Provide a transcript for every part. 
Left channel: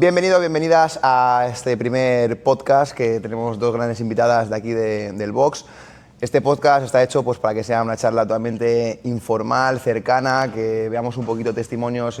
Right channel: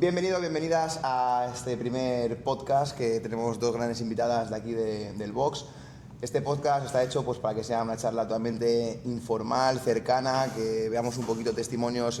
Bienvenidas a este primer podcast que tenemos dos grandes invitadas de aquí del box. Este podcast está hecho pues, para que sea una charla totalmente informal, cercana, que veamos un poquito testimonios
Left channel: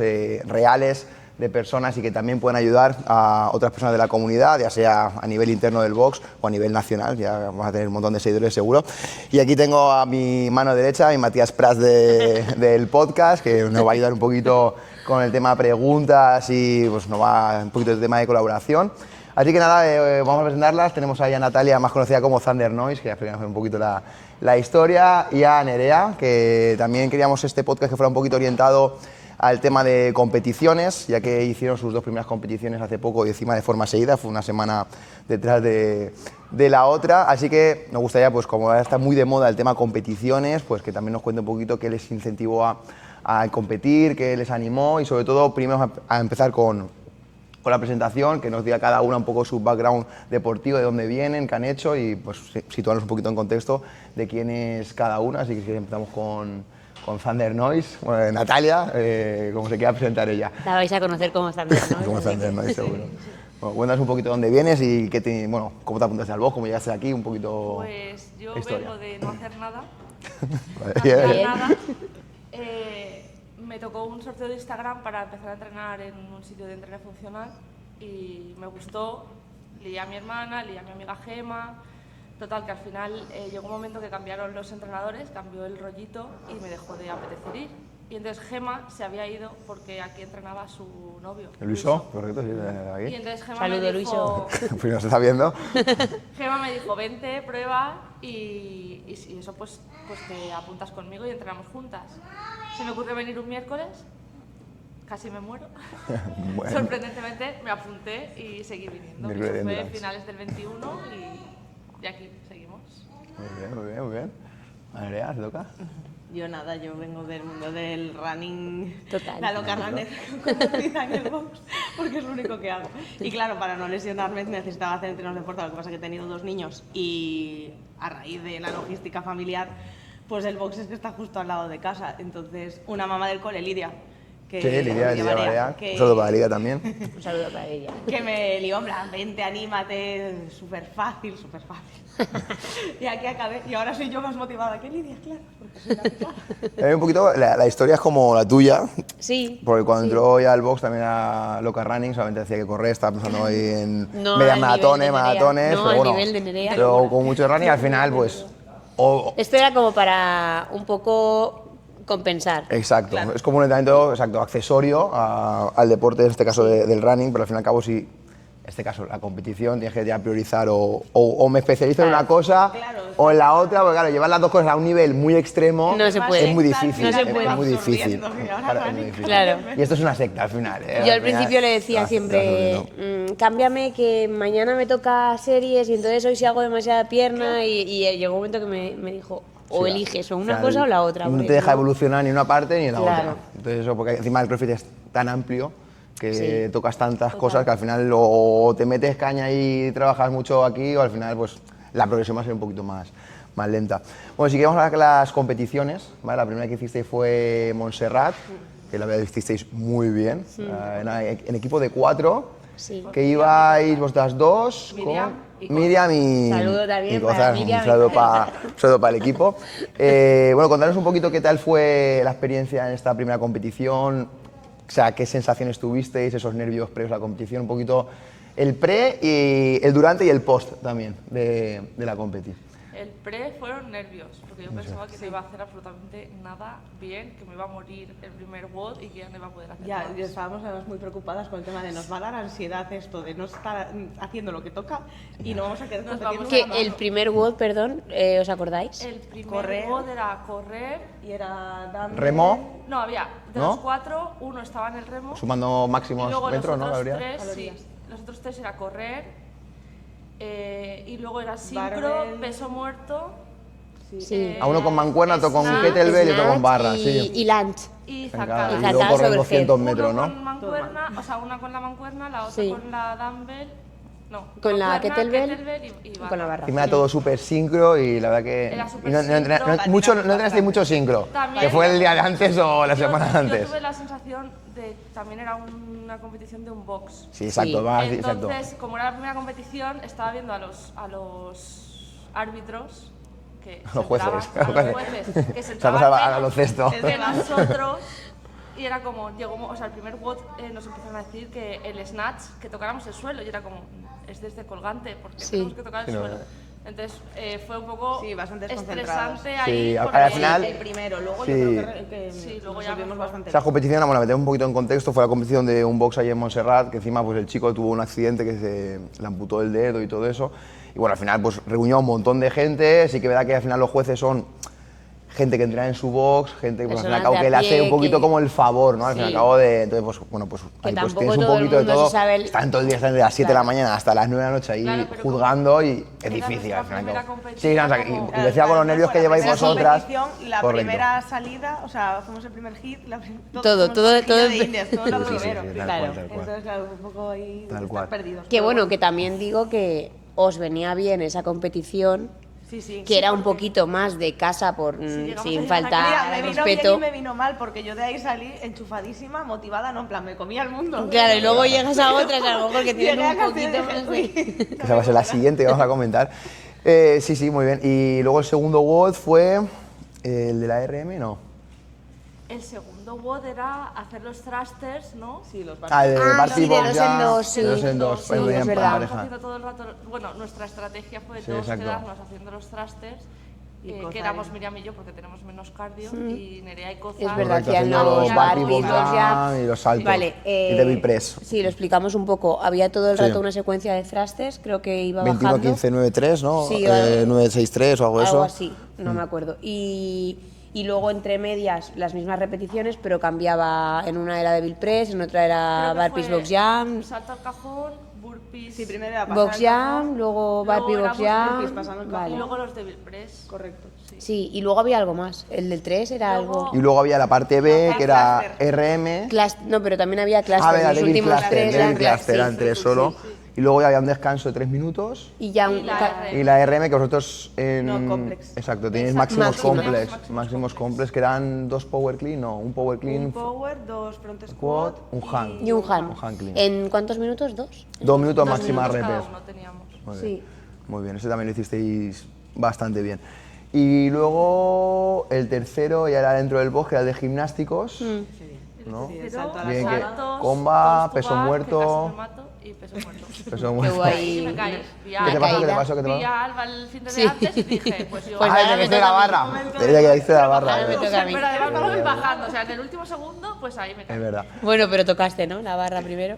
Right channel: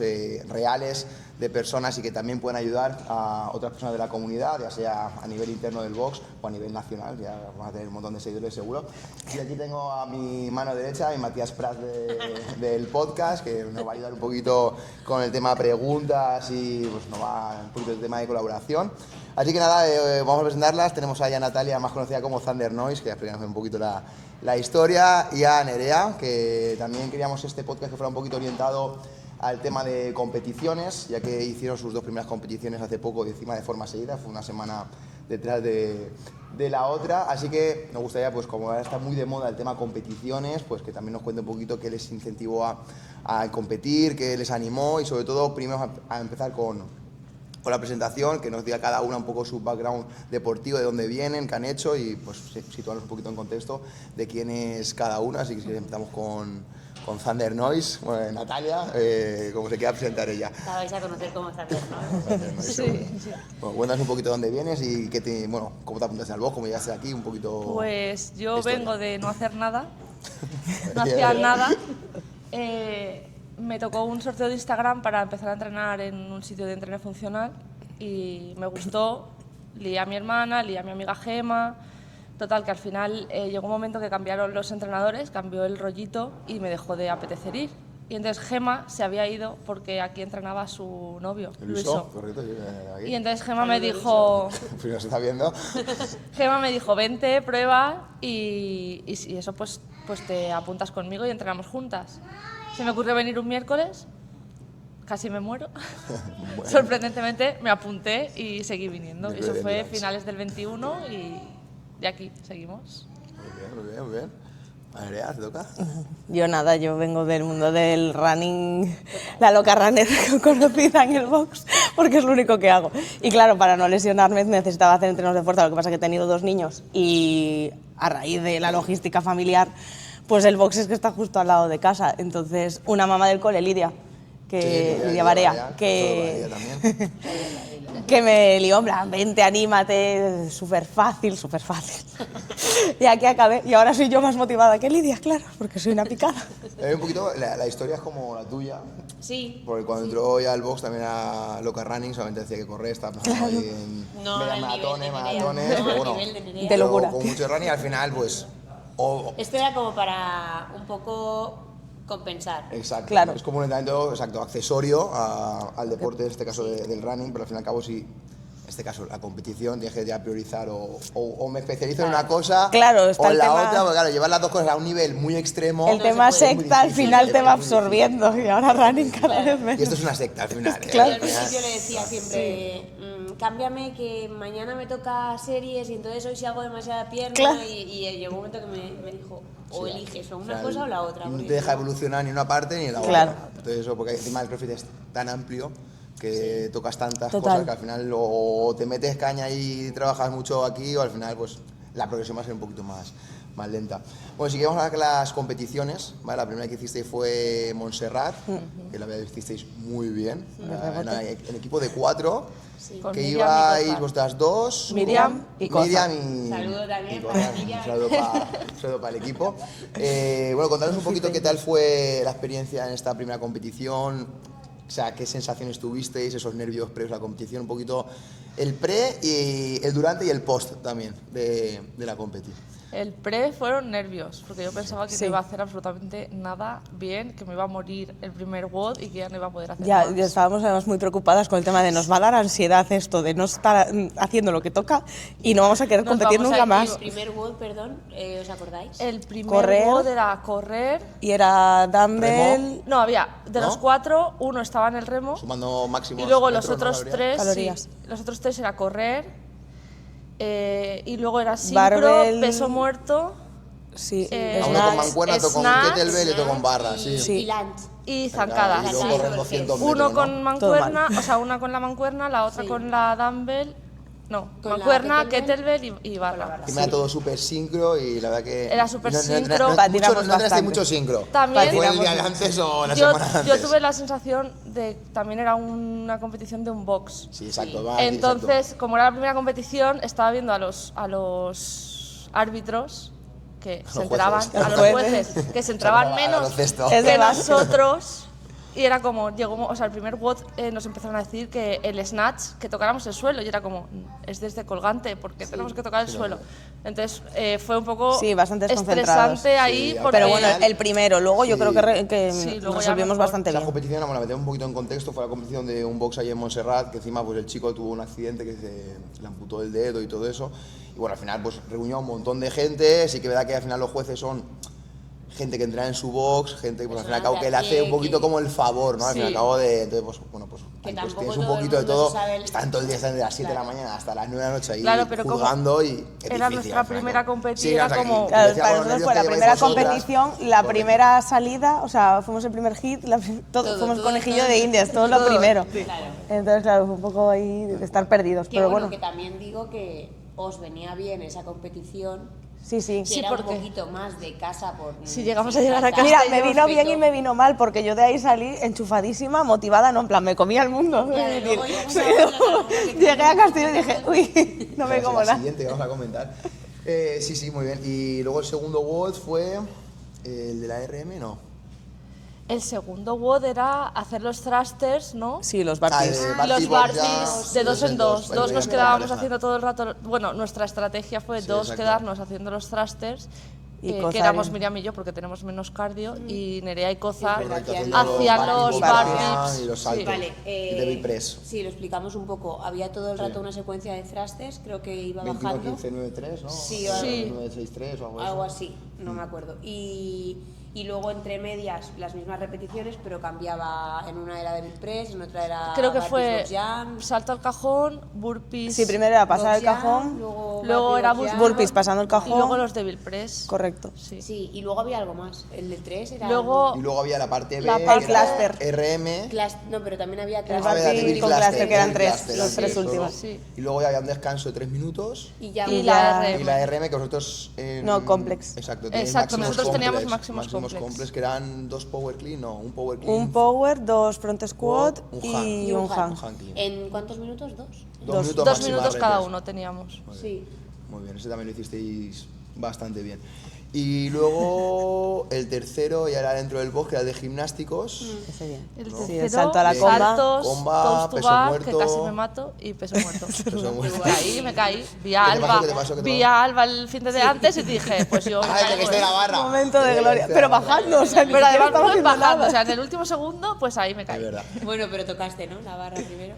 reales de personas y que también puedan ayudar a otras personas de la comunidad, ya sea a nivel interno del box o a nivel nacional, ya vamos a tener un montón de seguidores seguro. Y aquí tengo a mi mano derecha, a Matías Prats del podcast, que nos va a ayudar un poquito con el tema preguntas y pues, nos va un poquito el tema de colaboración. Así que nada, vamos a presentarlas. Tenemos ahí a Natalia, más conocida como Thunder Noise, que ya explicamos un poquito la historia, y a Nerea, que también queríamos este podcast que fuera un poquito orientado al tema de competiciones, ya que hicieron sus dos primeras competiciones hace poco y encima de forma seguida, fue una semana detrás de la otra, así que nos gustaría, pues como ahora está muy de moda el tema competiciones, pues que también nos cuente un poquito qué les incentivó a competir, qué les animó y sobre todo primero a empezar con la presentación, que nos diga cada una un poco su background deportivo, de dónde vienen, qué han hecho y pues situarnos un poquito en contexto de quién es cada una, así que empezamos con Thunder Noise. Bueno, Natalia, ¿cómo se quiera presentar ella? La vais a conocer como Thunder Noise. Como Thunder Noise, seguro. Bueno, cuéntanos un poquito dónde vienes y cómo te apuntaste al box, cómo llegaste aquí, un poquito... Pues yo historia. vengo de no hacer nada, Bien. no hacía nada. Me tocó un sorteo de Instagram para empezar a entrenar en un sitio de entreno funcional y me gustó, lié a mi hermana, lié a mi amiga Gema. Total, que al final llegó un momento que cambiaron los entrenadores, cambió el rollito y me dejó de apetecer ir. Y entonces Gema se había ido porque aquí entrenaba a su novio, Luiso, correcto, sí, aquí. Y entonces Gema Saludo, me dijo... Primero se está viendo. Gema me dijo, vente, prueba y si eso pues te apuntas conmigo y entrenamos juntas. Se me ocurrió venir un miércoles, casi me muero. Bueno. Sorprendentemente me apunté y seguí viniendo. Muy Eso bien, fue Nats. finales del 21 y de aquí seguimos. Muy bien. Nerea, ¿te toca? Yo nada, yo vengo del mundo del running, Total. la loca runner conocida en el box, porque es lo único que hago. Y claro, para no lesionarme necesitaba hacer entrenos de fuerza, lo que pasa es que he tenido 2 niños y a raíz de la logística familiar, pues el box es que está justo al lado de casa. Entonces, una mamá del cole, Lidia, que Lidia Barea, que, todo para Lidia también. Un saludo para ella. que me lió, en plan, vente, anímate, súper fácil. Y aquí acabé, y ahora soy yo más motivada que Lidia, claro, porque soy una picada. Un poquito, la historia es como la tuya, Sí. porque cuando sí. entró ya al box también era loca running, solamente decía que correr, estaba pensando ahí en No medias al maratones, nivel de Nerea. maratones, No pero al bueno, nivel de Nerea. pero locura. con mucho running al final pues... Esto era como para un poco compensar. Exacto, Claro. es como un entrenamiento accesorio al deporte, en este caso del running, pero al fin y al cabo sí, en este caso la competición tienes que ya priorizar o me especializo en una cosa Claro, está o en el la tema- otra, porque claro, llevar las dos cosas a un nivel muy extremo El No se tema puede. es muy secta al difícil. final es te va muy difícil. absorbiendo, y ahora running cada Claro. vez menos. Y esto es una secta al final. Yo al Al principio final, le decía siempre, cámbiame que mañana me toca series y entonces hoy si hago demasiada pierna Claro. y llegó un momento que me dijo, o Sí, eliges o o una sea, cosa o la otra. No porque te deja si no- evolucionar ni una parte ni la Claro. otra. Entonces eso, porque encima el CrossFit es tan amplio que Sí. tocas tantas Total. cosas que al final o te metes caña y trabajas mucho aquí o al final pues la progresión va a ser un poquito más lenta. Bueno, si queremos hablar de las competiciones, ¿vale? La primera que hicisteis fue Montserrat, que la verdad hicisteis muy bien, en equipo de 4. Sí. Que Miriam y ibais Cozar. vosotras dos, Miriam ¿cómo? y Cozar. Miriam y Saludo también y para Cozar. Miriam Un y saludo para el equipo. Bueno, contanos un poquito qué tal fue la experiencia en esta primera competición, o sea, qué sensaciones tuvisteis, esos nervios previos a la competición, un poquito el pre, y el durante y el post también de la competición. El pre fueron nervios, porque yo pensaba que Sí. no iba a hacer absolutamente nada bien, que me iba a morir el primer WOD y que ya no iba a poder hacer Ya más. estábamos además muy preocupadas con el tema de nos va a dar ansiedad esto de no estar haciendo lo que toca y no vamos a querer Nos competir vamos nunca a- más. El primer WOD, perdón, ¿os acordáis? El primer Correr. WOD era correr. Y era dumbbell, Remo. No, había de ¿No? los 4, uno estaba en el remo Sumando máximos y luego metros, los ¿no? otros Gabriel? 3, Calorías. los otros 3 era correr y luego era sincro, Barbell. peso muerto sí, Eh, A uno con snatch. mancuerna, otro con snatch, kettlebell y otro con barra, sí. Y lunch. y Venga, zancadas. y luego Zancadas corren sobre 200 head. metros, Uno ¿no? con mancuerna, o sea, una con la mancuerna, la otra Sí. con la dumbbell No, Con la mancuerna, kettlebell kettlebell y barra. con la barra. Y me da todo súper sincro y la verdad que... Era súper no, sincro. no Patinamos entrenaste bastante. mucho sincro. También- ¿Fue el día de antes o la semana de antes? Yo tuve la sensación de que también era una competición de un box. Sí, exacto. Sí. va, Entonces, exacto. como era la primera competición, estaba viendo a los árbitros que se Los jueces. entraban, a los jueces, que se entraban al menos baloncesto. Es que de base. nosotros. Y era como, o sea, el primer WOD nos empezaron a decir que el snatch, que tocáramos el suelo, y era como, es desde colgante, porque tenemos que tocar el suelo. Entonces, fue un poco Sí, bastante desconcentrados. estresante ahí, Sí, porque... Pero al bueno, final- el primero, luego yo Sí. creo que Sí, luego ya resolvimos mejor. bastante Esa bien. competición, bueno, la metemos un poquito en contexto, fue la competición de un box ahí en Montserrat, que encima pues el chico tuvo un accidente que se le amputó el dedo y todo eso. Y bueno, al final pues reunió a un montón de gente, sí que es verdad que al final los jueces son gente que entrena en su box, gente pues, al fin y al Personas cabo de que a le hace pie, un poquito que- como el favor, ¿no? Al fin y al Sí. cabo de... Entonces, pues bueno, pues Que ahí pues tampoco tienes un todo el poquito de mundo se todo. sabe el- Están todo el día, están desde las 7 de la mañana hasta las 9 de la noche ahí Claro, pero como juzgando y es era difícil. nuestra al fin y al primera cabo. competición, Sí, no, o sea, era como- y decía con los Claro, nervios fue que la lleváis primera vosotras. competición, la Correcto. primera salida, o sea, fuimos el primer hit, Todo, fuimos todo, conejillo todo. de indias, todo lo primero. Sí, tal Claro. cual, tal cual. Entonces, claro, fue un poco ahí de Tal estar cual. perdidos. Que pero bueno, que también digo que os venía bien esa competición, Sí, sí. que era un porque- poquito más de casa por Si llegamos sin a llegar a faltar casa- Mira, me vino bien respeto. y me vino mal, porque yo de ahí salí enchufadísima, motivada, no, en plan, me comía el mundo. Claro, y luego llegas a otra que a lo mejor que Llegué tienes a un Castillo y poquito dije, más uy, de- no Esa me va a ser la como siguiente que vamos a comentar. Sí, sí, muy bien. Y luego el segundo WOD fue el de la RM, ¿no? El segundo WOD era hacer los thrusters, ¿no? Sí, los Ah, barcos. de Ah, Barty los Box bars ya, en dos, De dos en dos. ahí Dos veían nos por quedábamos pareja. haciendo todo el rato. Bueno, nuestra estrategia fue Sí, dos exacto. quedarnos haciendo los thrusters. Y Que Koza éramos y- Miriam y yo porque tenemos menos cardio. Y Nerea y Koza. Es verdad, Correcto, hacían haciendo los hacían Barty los Box bar ya jumps. y los saltos. Vale, y Devil Press. sí, lo explicamos un poco. Había todo el Sí. rato una secuencia de thrusters, creo que iba 21, bajando. 15, 9, 3, ¿no? Sí, vale. 9, 6, 3 o algo de eso. Algo así, no me acuerdo. Y luego entre medias las mismas repeticiones, pero cambiaba. En una era Devil Press, en otra era Creo que Burpees fue Box Jump, salto al cajón, burpees. Sí, primero era pasar Box el cajón, Jump, luego Luego Burpee era Box Jump. burpees pasando el Y cajón. luego los Devil Press. Correcto. Sí. Sí, y luego había algo más. El del 3 era Luego- algo... Y luego había la parte B, La parte que era cluster. RM. No, pero también había cluster. Ah, era los Devil últimos Cluster, tres Devil eran tres, Cluster, sí, eran tres son solo. tres. sí. Y luego ya había un descanso de 3 minutos. Y ya Y un la ya- RM. Y la RM, que vosotros en... No, complex. Exacto, tenéis Exacto, máximos nosotros teníamos complex. máximos Máximos complex. complex, que eran 2 power clean, no, un power clean. Un power, dos front squat un hang. y un hang. Un hang clean. ¿En cuántos minutos? ¿2? 2 minutos 2 máxima minutos cada reps. uno teníamos. Muy bien. Sí. Muy bien, ese también lo hicisteis bastante bien. Y luego el tercero ya era dentro del box, que era el de gimnásticos. Ese bien. El Sí, tercero, el salto a la Bien. comba. saltos, Comba, toes to peso bar, muerto. que casi me mato, y peso muerto. Peso muerto. Ahí me caí. Vi a ¿Qué te pasó? Alba, ¿Qué te pasó? ¿Qué te vi pasó? a Alba el fin de antes y dije, pues yo... Ah, te caíste de la barra. Momento Te de gloria. caíste de la Pero barra. bajando, o sea, Pero pero además Iba estamos haciendo bajando, o nada. sea, en el último segundo, pues ahí me Es caí. verdad. Bueno, pero tocaste, ¿no? La barra primero.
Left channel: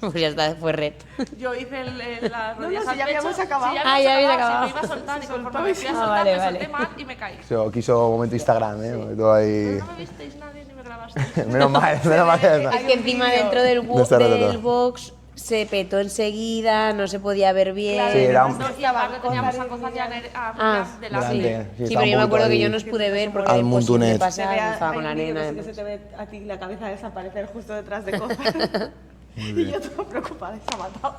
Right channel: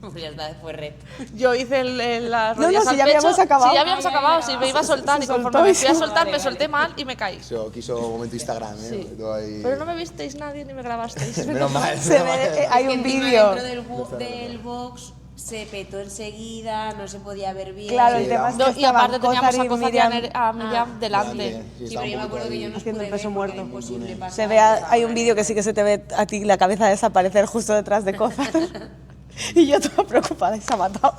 Pues ya está, fue red. Yo hice las No, rodillas no, al si ya pecho. habíamos acabado. Sí, ya habíamos Ah, ya había acabado, sí, acabado. me iba a soltar Se y conforme soltó me y fui a sí. soltar Vale, me vale. solté mal y me caí. Eso quiso momento Instagram, ¿eh? Sí. Todo ahí... Pero no me visteis nadie ni me grabasteis. Menos mal, Se menos mal. ve, que- hay Es que un encima vídeo. dentro del, No está del relatado. box se petó enseguida, no se podía ver bien. Claro, Sí, y era además un- que Y aparte estaban teníamos Kozar a y Koza y Miriam. a Miriam delante. Delante. Sí, está pero un yo me acuerdo poquito que yo ahí. no os pude Al ver porque era Muntunet. imposible pasar. Se ve, estaba hay una un vídeo que arena. sí que se te ve a ti la cabeza desaparecer justo detrás de cosas. Y yo toda preocupada y se ha matado.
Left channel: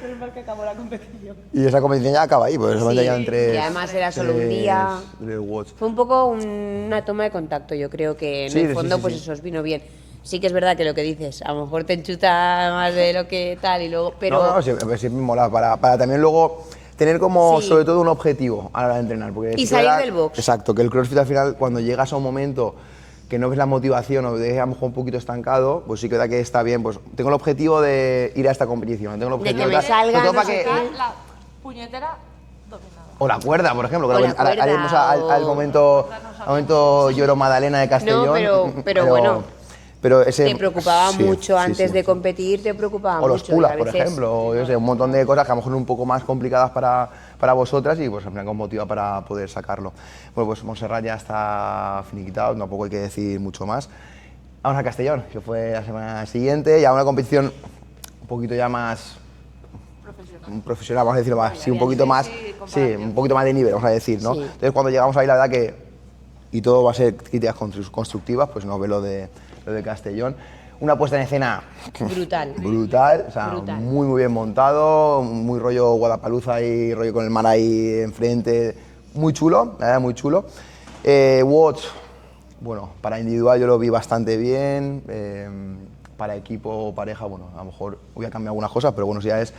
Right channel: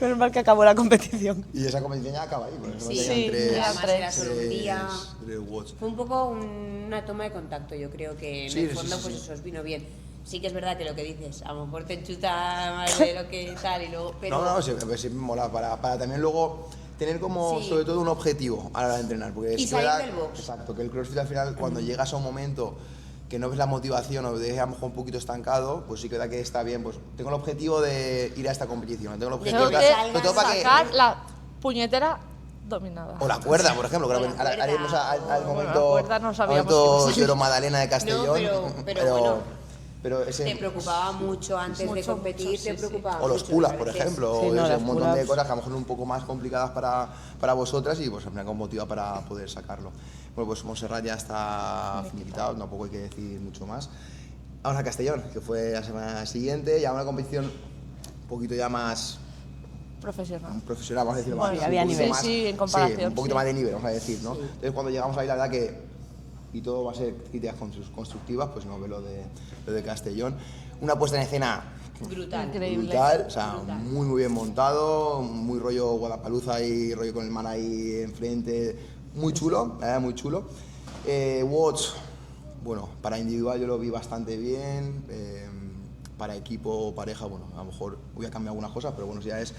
Menos mal que acabó la competición. Y esa competición ya acaba ahí, pues solamente Sí, quedan tres... y además era solo un día. tres watts. Fue un poco una toma de contacto, yo creo que en Sí, el sí, fondo sí, pues sí. eso os vino bien. Sí que es verdad que lo que dices, a lo mejor te enchuta más de lo que tal y luego, pero No, no, siempre mola, para también luego tener como Sí. sobre todo un objetivo a la hora de entrenar. Porque Y sí que salir verdad- del box. Exacto, que el CrossFit al final cuando llegas a un momento que no ves la motivación o te dejas a lo mejor un poquito estancado, pues sí que da que está bien, pues tengo el objetivo de ir a esta competición, tengo el De objetivo que me tal, salgan, sobre todo para que- Sacar la puñetera dominada. o la cuerda, por ejemplo, que O la ahora cuerda, haremos al o- momento, La cuerda no al sabíamos momento que- Lloro Madalena de Castellón. pero bueno, pero ese, te preocupaba sí, mucho sí, antes sí, de mucho. competir, te preocupaba O los mucho. y pull-ups, a por veces- ejemplo, o sí, yo no, sé, los un montón de pull-ups. cosas que a lo mejor son un poco más complicadas para vosotras y pues al final os motiva para poder sacarlo. Bueno, pues Montserrat ya está finiquitado, tampoco hay que decir mucho más. Vamos a Castellón, que fue la semana siguiente, ya una competición un poquito ya más Profesional. profesional, vamos a decirlo más, ya sí, un bien, poquito sí, más, sí, en comparación, un poquito más de nivel, vamos a decir, ¿no? Sí. Entonces cuando llegamos ahí, la verdad que, y todo va a ser críticas constructivas, pues no ve lo de Castellón. una puesta en escena brutal, o sea, Brutal. muy bien montado, muy rollo Guadalpaluza y rollo con el mar ahí enfrente, muy chulo, la verdad, muy chulo. Watch, bueno, para individual yo lo vi bastante bien, para equipo o pareja, bueno, a lo mejor voy a cambiar algunas cosas, pero bueno, si ya es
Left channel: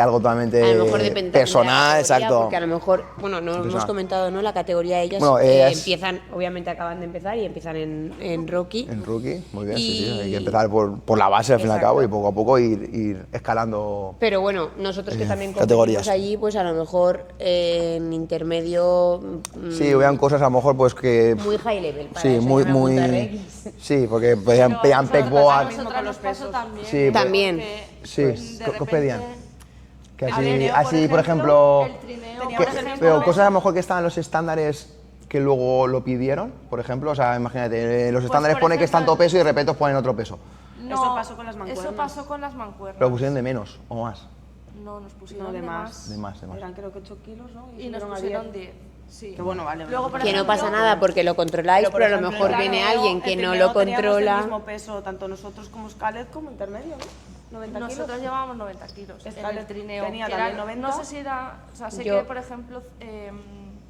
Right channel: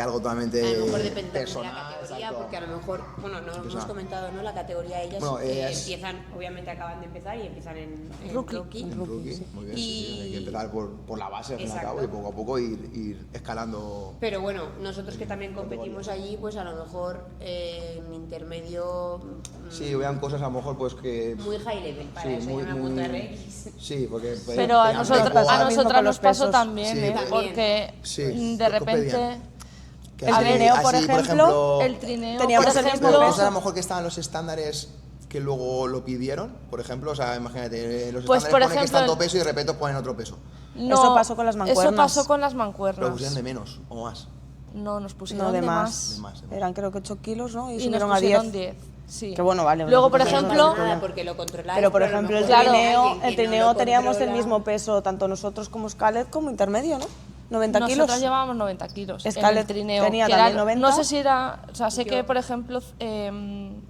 algo totalmente A lo mejor depende personal, de la categoría, exacto. porque a lo mejor, bueno, no hemos Personal. comentado, ¿no? La categoría de ellas Bueno, ellas- empiezan, obviamente acaban de empezar y empiezan en Rookie. En rookie, muy bien, sí, Y- hay que empezar por la base al fin y al Exacto. cabo y poco a poco ir escalando. Pero bueno, nosotros que también categorías. competimos allí, pues a lo mejor en intermedio Sí, vean cosas a lo mejor pues que... muy high level para Sí, ser muy, una muy... montarrex. Sí, porque pedían Pero a pedían nosotras, pegboard. a mismo nosotras con nos los pasó pesos. también. Sí. También. Porque Sí. de ¿Qué os repente... pedían? Que El así, trineo, por ejemplo, El trineo, teníamos por el mismo ejemplo, pero cosas a lo mejor que estaban los estándares que luego lo pidieron, por ejemplo, o sea, imagínate, los Pues, estándares por pone que es ejemplo, tanto peso y de repente os ponen otro peso. no, Eso pasó con las mancuernas. Eso pasó con las mancuernas. Pero pusieron de menos o más. No, nos pusieron No, de de más. De más, de más. Eran creo que 8 kilos, ¿no? Y, Y nos subieron a pusieron 10. 10. Sí. Que bueno, vale. Luego, por Que no ejemplo, pasa nada porque lo controláis, Pero, por pero a lo ejemplo, mejor el viene trineo- alguien que el no trineo lo teníamos controla. el mismo peso, tanto nosotros como Scarlett, como intermedio, ¿no? 90 nosotros kilos. llevábamos 90 kilos. En Scarlett el trineo. tenía que también eran- 90. No sé si era. O sea, sé Yo- que, por ejemplo,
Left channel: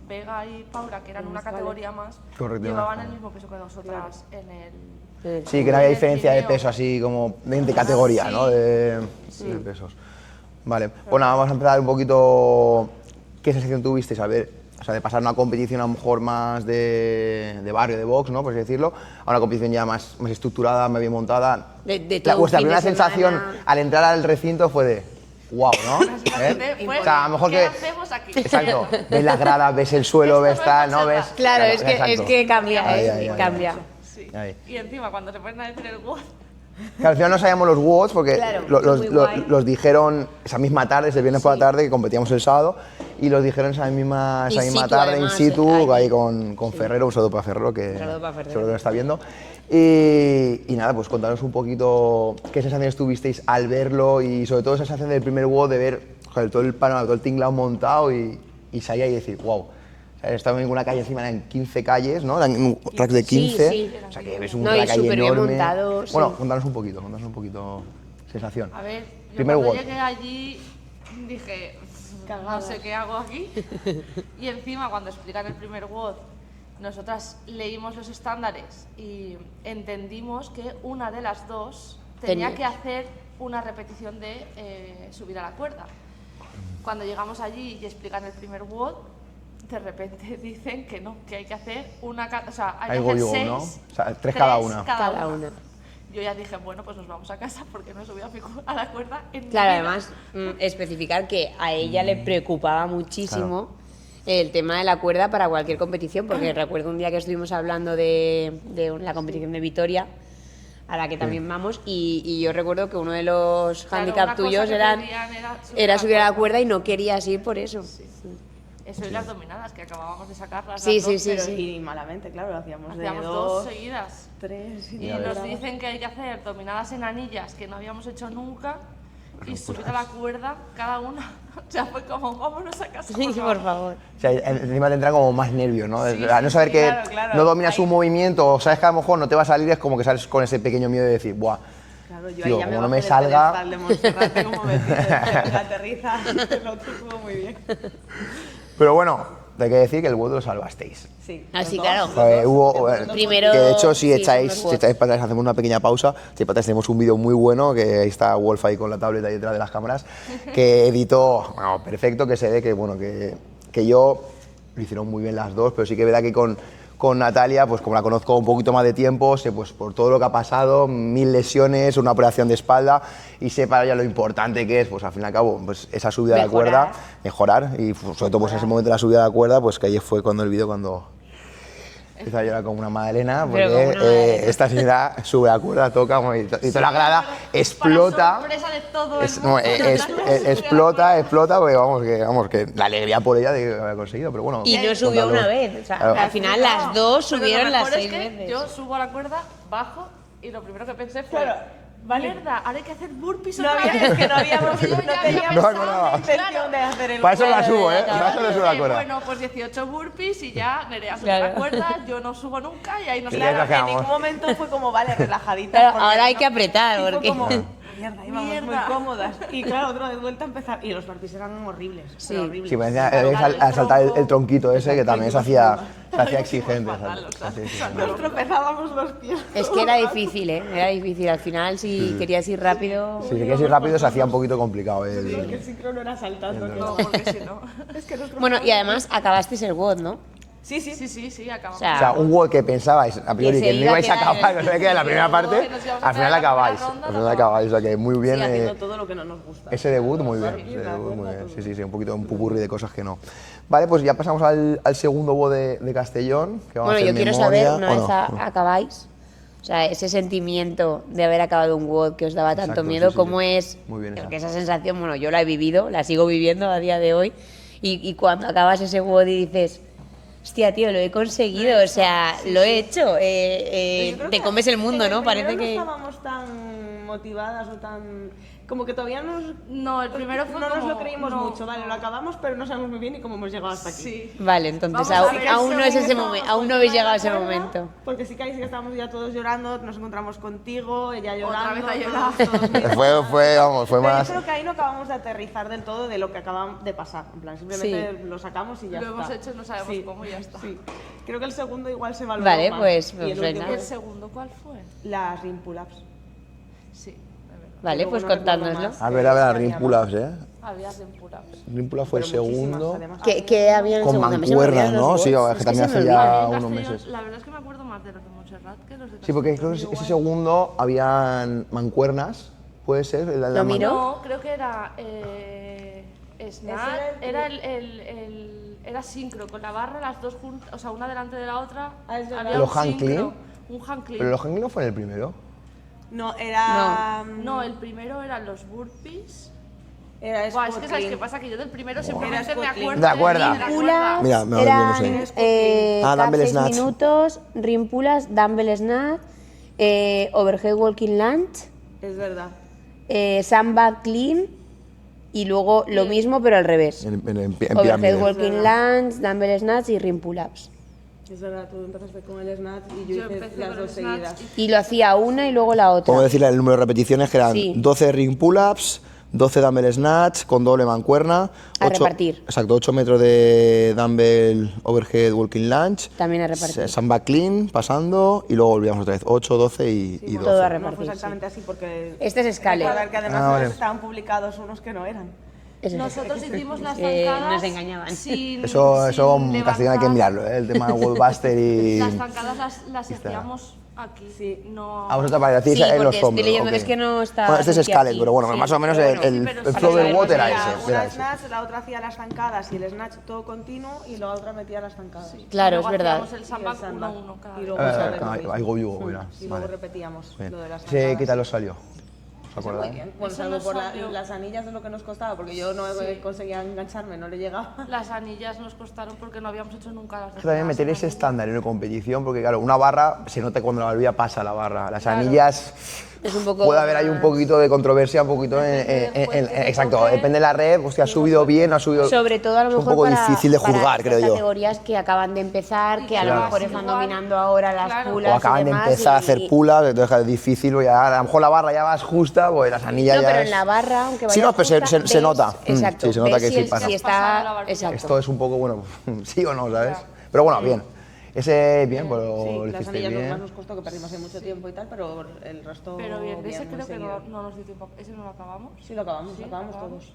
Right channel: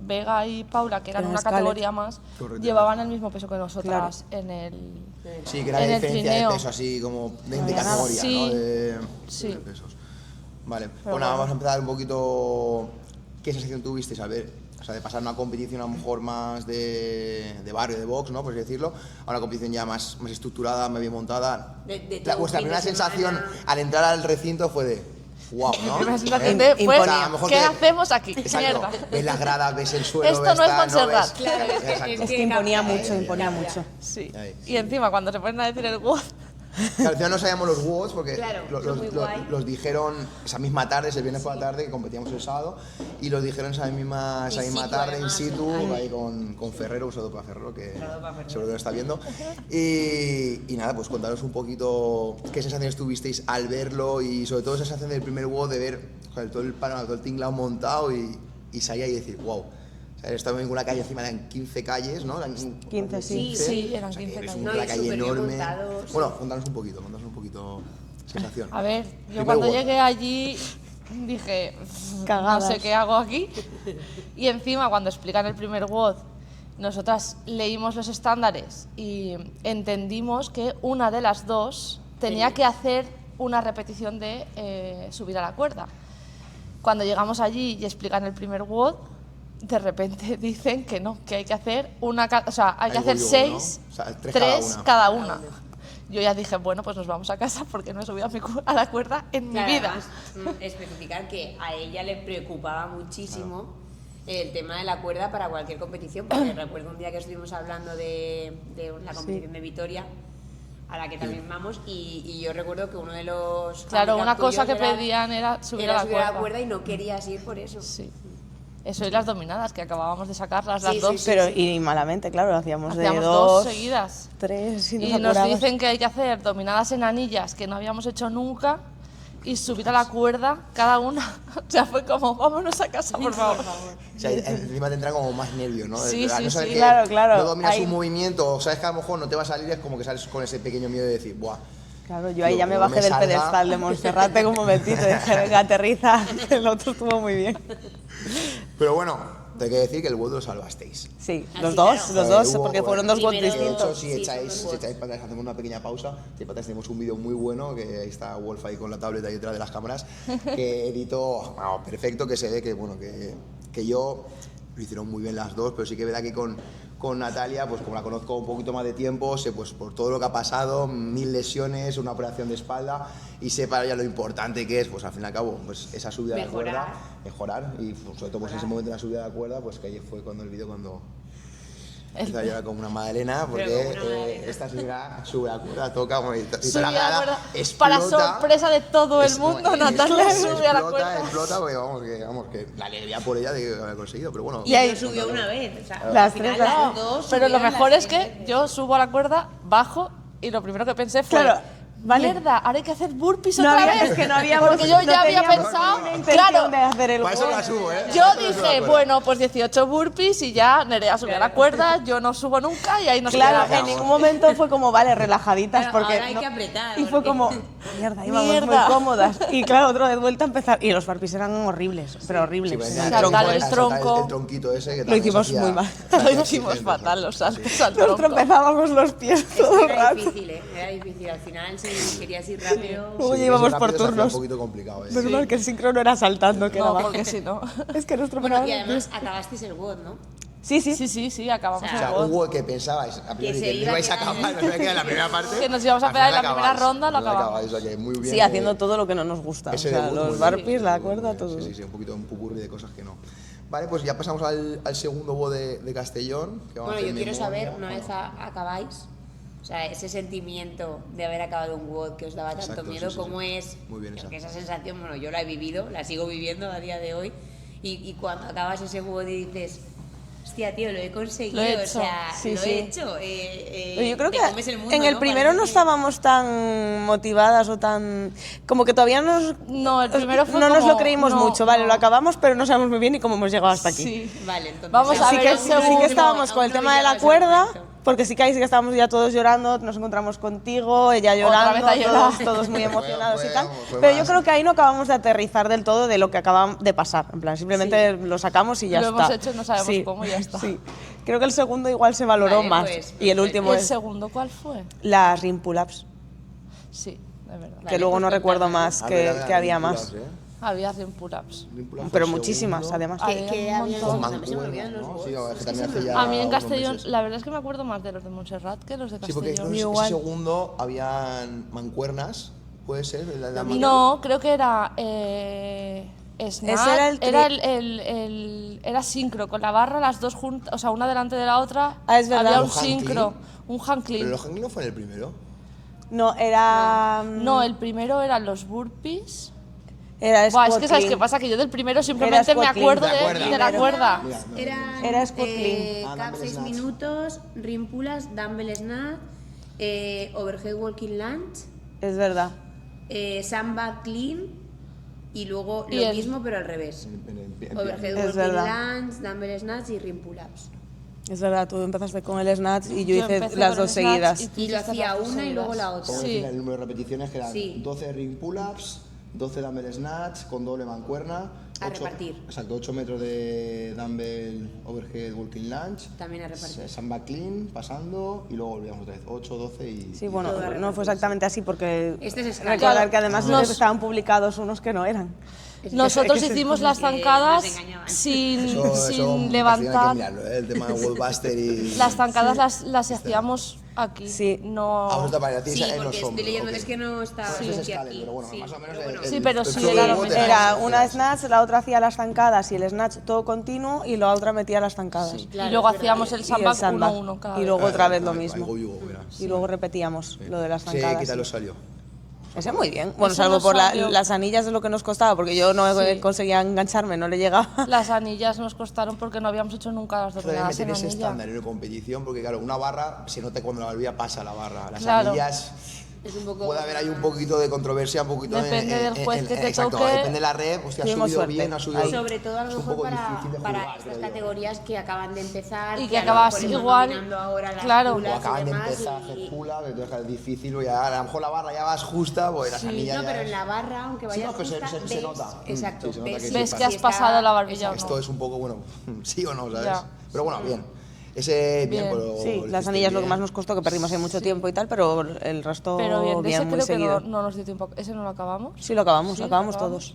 Vega y Paula, que eran Pero una Scarlett. categoría más, Correcto. llevaban el mismo peso que nosotras en el. Sí, que era la En el diferencia de trineo. peso, así como 20 categorías, Sí. ¿no? De Sí. pesos. Vale, pues nada, vamos a empezar un poquito. ¿Qué sensación tuvisteis al ver, o sea, de pasar una competición a lo mejor más de barrio, de box, ¿no? Por así decirlo, a una competición ya más estructurada, más bien montada? De todo un Vuestra fin de primera sensación semana. al entrar al recinto fue de wow, ¿no? La sensación de, ¿Eh? pues, O sea, a lo mejor ¿qué que- hacemos aquí? Exacto, Mierda. ves las gradas, ves el suelo, Esto ves no es tal, ¿no? Montserrat. Ves... Claro, es Exacto. que cambia Imponía mucho, mucho, imponía cambia. mucho. Sí. Ahí. Y encima, cuando se ponen a decir el WOD, Que al final no sabíamos los WODs porque Claro, los, muy los- guay. los dijeron esa misma tarde, ese viernes por la tarde, que competíamos el sábado, y los dijeron esa misma In situ, tarde, además, in situ, ahí. ahí con Ferrero, un saludo para Ferrero, que Saludo para Ferrero. seguro que nos está viendo. Y nada, pues contanos un poquito qué sensaciones tuvisteis al verlo y sobre todo esa sensación del primer WOD de ver joder, todo el panorama, todo el tinglado montado y salir ahí y decir, wow. O sea, estaba en una calle encima, eran 15 calles, ¿no? Eran un rack de 15. sí, eran o sea, que 15 ves un No, y rack ahí súper bien enorme. montado, sí. Bueno, contanos un poquito sensación. a ver, yo Primer cuando WOD. llegué allí dije, no Cagadas. sé qué hago aquí. Y encima, cuando explican el primer WOD, nosotras leímos los estándares y entendimos que una de las dos tenía Tenía. que hacer una repetición de subir a la cuerda. Cuando llegamos allí y explican el primer WOD, de repente dicen que no, que hay que hacer una, o sea, hay que Hay hacer voleibol, 6, ¿no? O sea, tres cada cada una. una. una. Yo ya dije, bueno, pues nos vamos a casa porque no he subido a la cuerda en Claro, mi vida. además, especificar que a ella le preocupaba muchísimo el tema de la cuerda para cualquier competición, porque recuerdo un día que estuvimos hablando de la competición de Vitoria, a la que también vamos, y yo recuerdo que uno de los Claro, handicap una cosa tuyos que era pedían era subir a la cuerda y no querías ir por eso. Sí. Eso y las dominadas, que acabábamos de sacarlas Sí, las dos. sí, sí. Pero y malamente, claro, hacíamos de Hacíamos 2, dos seguidas. 3 Y nos dicen que hay que hacer dominadas en anillas que no habíamos hecho nunca y subir a la cuerda cada una. O sea, fue como, vámonos a casa, por favor. O sea, encima te entran como más nervios, ¿no? Sí, Al no sí, saber sí. que Claro, claro. no dominas Ahí- un movimiento o sabes que a lo mejor no te va a salir, es como que sales con ese pequeño miedo de decir, ¡buah! Claro, yo ahí Tío, ya me como no bajé me del salga- pedestal de Monserrate como bendito y dije, venga, aterriza, el otro estuvo muy bien. Pero bueno, te hay que decir que el WOD lo salvasteis. Sí, Ah, los sí, dos, claro. los dos, Hubo- porque fueron dos Primero- botes. Que de hecho, sí, si fue estáis para atrás, hacemos una pequeña pausa. Si para atrás tenemos un vídeo muy bueno, que ahí está Wolf ahí con la tableta ahí detrás de las cámaras, que editó, vamos, perfecto, que se ve que, bueno, que yo, lo hicieron muy bien las dos, pero sí que es verdad que con Natalia, pues como la conozco un poquito más de tiempo, sé pues por todo lo que ha pasado, 1000 lesiones, una operación de espalda, y sé para ella lo importante que es, pues al fin y al cabo, pues esa subida de la cuerda, mejorar, y pues, sobre todo pues en ese momento de la subida de la cuerda, pues que ahí fue cuando el vídeo cuando empieza a llorar como una Magdalena, porque Pero como una Magdalena. esta señora sube la cuerda, toca, bueno, y toda la grada Para explota. sorpresa de todo el mundo, Natalia sube a la cuerda. explota, porque vamos, que la alegría por ella de haber conseguido, pero bueno. Y no subió una vez, o sea, Claro. al final las dos Pero lo subieron mejor las es 6 que veces. yo subo a la cuerda, bajo y lo primero que pensé fue, Claro. Vale. mierda, ahora hay que hacer burpees No otra había- vez. es que no habíamos- Porque yo ya había no pensado, teníamos claro, de hacer el Para eso huevo. la subo, ¿eh? yo Para eso la subo la dije, cuerda. bueno, pues 18 burpees y ya Nerea sube Claro. la cuerda, yo no subo nunca y ahí nos Claro, nos en quedamos. ningún momento fue como, vale, relajaditas. Claro, porque ahora hay no- que apretar, Y fue porque- como, mierda, íbamos Mierda. muy cómodas. Y claro, otra vez vuelta a empezar. Y los burpees eran horribles, pero horribles. Sí, pues ya Saltar hay que el saltar tronco. el tronquito ese que también se hicimos hacía, muy mal. se hacía Lo hicimos exigente, fatal, ¿sabes? los saltos Sí. al Nos tronco. tropezábamos los pies. Es todo que el era rato. difícil, ¿eh? Era difícil. Al final, si querías ir rápido... Sí, Uy, que íbamos ese por rápido se hacía un turnos. poquito complicado. Menos mal que el sincro no era saltando, que No, era porque si no. Es que nos Bueno, y además acabasteis el WOD, ¿no? Sí, sí. Sí, acabamos. O sea, O sea, un gol que pensabais a priori Que que se no iba a ibais a quedar en acabar, que os iba a quedar en la primera parte, Que nos íbamos a al pegar final la primera acabáis. ronda, Al la final acabáis, o sea que muy bien. Sí, haciendo todo lo que no nos gusta. Ese O sea, debut los muy burpees, bien. la ese debut cuerda, muy bien. todo. Sí, un poquito un pupurri de cosas que no. Vale, pues ya pasamos al segundo WOD de Castellón. Que vamos Bueno, a yo hacer quiero memoria, saber, una ¿o vez no? acabáis, o sea, ese sentimiento de haber acabado un WOD que os daba tanto Exacto, miedo, sí, ¿cómo sí. es? Muy bien esa. Porque esa sensación, bueno, yo la he vivido, la sigo viviendo a día de hoy, y cuando acabas ese WOD y dices, hostia, tío, lo he conseguido, Lo he o hecho. sea, Sí, lo sí. he hecho, Yo creo te que comes el mundo, en el ¿no? primero Parece no que- estábamos tan motivadas o tan... Como que todavía No, el primero fue no nos como- lo creímos no, mucho, vale, no. lo acabamos, pero no sabemos muy bien ni cómo hemos llegado hasta aquí. Sí. Vale, entonces Vamos a aún, ver, Sí que, aún sí no que es ese estábamos momento, con aún el no habéis tema de llegado la a ese cuerda, momento. porque sí que estábamos ya todos llorando, nos encontramos contigo, ella llorando, vez a llorar. todos muy Fue- emocionados fue, y tal. vamos, fue Pero más- yo creo que ahí no acabamos de aterrizar del todo de lo que acaba de pasar, en plan, simplemente lo sacamos y ya Lo está. hemos hecho y no sabemos cómo y ya está. Sí. Creo que el segundo igual se valoró Vale, más pues, y el pues último ¿El es segundo cuál fue? las rim pull-ups, Sí, de verdad. Vale, que luego pues no recuerdo contádnoslo. más A que, ver, a ver, que a había ring más. pull-ups, ¿eh? Había 100 pull-ups. Ring pull-ups fue Pero el muchísimas, segundo. además. ¿Qué había en el Con segundo? A mí se me olvidan mancuernas, los ¿no? Sí, WODs, que es que también se me hace olvida. A mí en unos Castellón, meses. la verdad es que me acuerdo más de los de Montserrat que los de Sí, Castellón. porque creo que ese igual. segundo habían mancuernas, ¿puede ser? El de la Lo man- miro. No, creo que era snatch, Ese era el era sincro, con la barra las dos juntas, o sea, una delante de la otra. Ah, es verdad. Había un ¿Los hand sincro, clean? un hand clean. Pero el hanging no fue en el primero. No, era... No, el primero eran los burpees. Era Buah, es squat que sabes qué clean. pasa, que yo del primero simplemente me squat clean. acuerdo ¿Te de acuerdas? la cuerda. Mira, me Eran no sé. Era squat clean. Ah, cap dumbbell 6 snatch. minutos, rim pull-ups, dumbbell snatch, overhead walking lunge, Es verdad. sandbag clean y luego lo el- mismo pero al revés. En Overhead pirámide. walking verdad. lunge, dumbbell snatch y rim pull-ups. Es verdad, tú empezaste con el snatch y yo Yo hice empecé las con dos el snatch seguidas. Y lo hacía una y luego la otra. Podemos decirle el número de repeticiones que eran Sí. 12 ring pull-ups, 12 dumbbell snatch con doble mancuerna. A repartir. Exacto, 8 metros de dumbbell overhead walking lunge. También a repartir. Sandbag clean, pasando, y luego volvíamos otra vez. 8, 12 y, Sí, y bueno, 12. Todo a no repartir, fue exactamente así porque... Este es Scale. Recordar que además Ah, nos vale. estaban publicados unos que no eran. Nosotros hicimos las zancadas nos engañaban. sin, Eso sin Castellón hay que levantar. mirarlo, ¿eh? El tema de Wallbuster y... Las zancadas las hacíamos aquí. Sí. No. A vosotros para Sí, ti en porque los estoy hombros. leyendo, ok. es que no está Bueno, este es aquí, Scalet, pero bueno, sí, más o menos pero el, bueno, sí, pero el sí, flow del sí, WOD era Era ese, una era ese. snatch, la otra hacía las zancadas y el snatch todo continuo y la otra metía las zancadas. Claro, y luego es verdad. hacíamos el Y el sandbag sandbag. 1-1 cada Y vez. luego otra vez lo Ahí mismo. vivo, mira. Y luego repetíamos lo de las Sí, zancadas. ¿qué tal os salió? Ese muy bien. Bueno, Eso salvo nos por salió. las anillas de lo que nos costaba, porque yo no Sí. conseguía engancharme, no le llegaba. Las anillas nos costaron porque no habíamos hecho nunca las Es que también dominadas meter en ese anilla. estándar en una competición, porque claro, una barra se nota cuando la barbilla pasa la barra. Las Claro. anillas Es un poco puede haber ahí un poquito de controversia, un poquito Depende del juez que te exacto, toque. depende de la red, hostia, ha Tenemos subido suerte. bien, no ha subido. Sobre todo a lo es mejor un poco para, difícil de para juzgar, esas creo yo. categorías que acaban de empezar, Y que que a lo acabas mejor están igual. dominando ahora las Claro. pulas O acaban y de demás, empezar a y- hacer pulas, entonces es difícil, pues ya, a lo mejor la barra ya vas justa, pues las anillas No, ya pero es- en la barra, aunque vaya Sí, no, pero se- justa, se ves- nota. Exacto. Sí, se nota ves que si sí es- pasa. si Has pasado la barbilla. exacto. Esto es un poco, bueno, sí o no, ¿sabes? Ya. Pero bueno, bien. Ese, bien, pues lo Sí, hiciste las anillas lo que bien. más nos costó, que perdimos ahí mucho tiempo y tal, pero el resto Pero bien, de ese muy creo que seguido. no nos dio tiempo. ¿Ese no lo acabamos? Sí, lo acabamos, Sí, lo acabamos lo todos.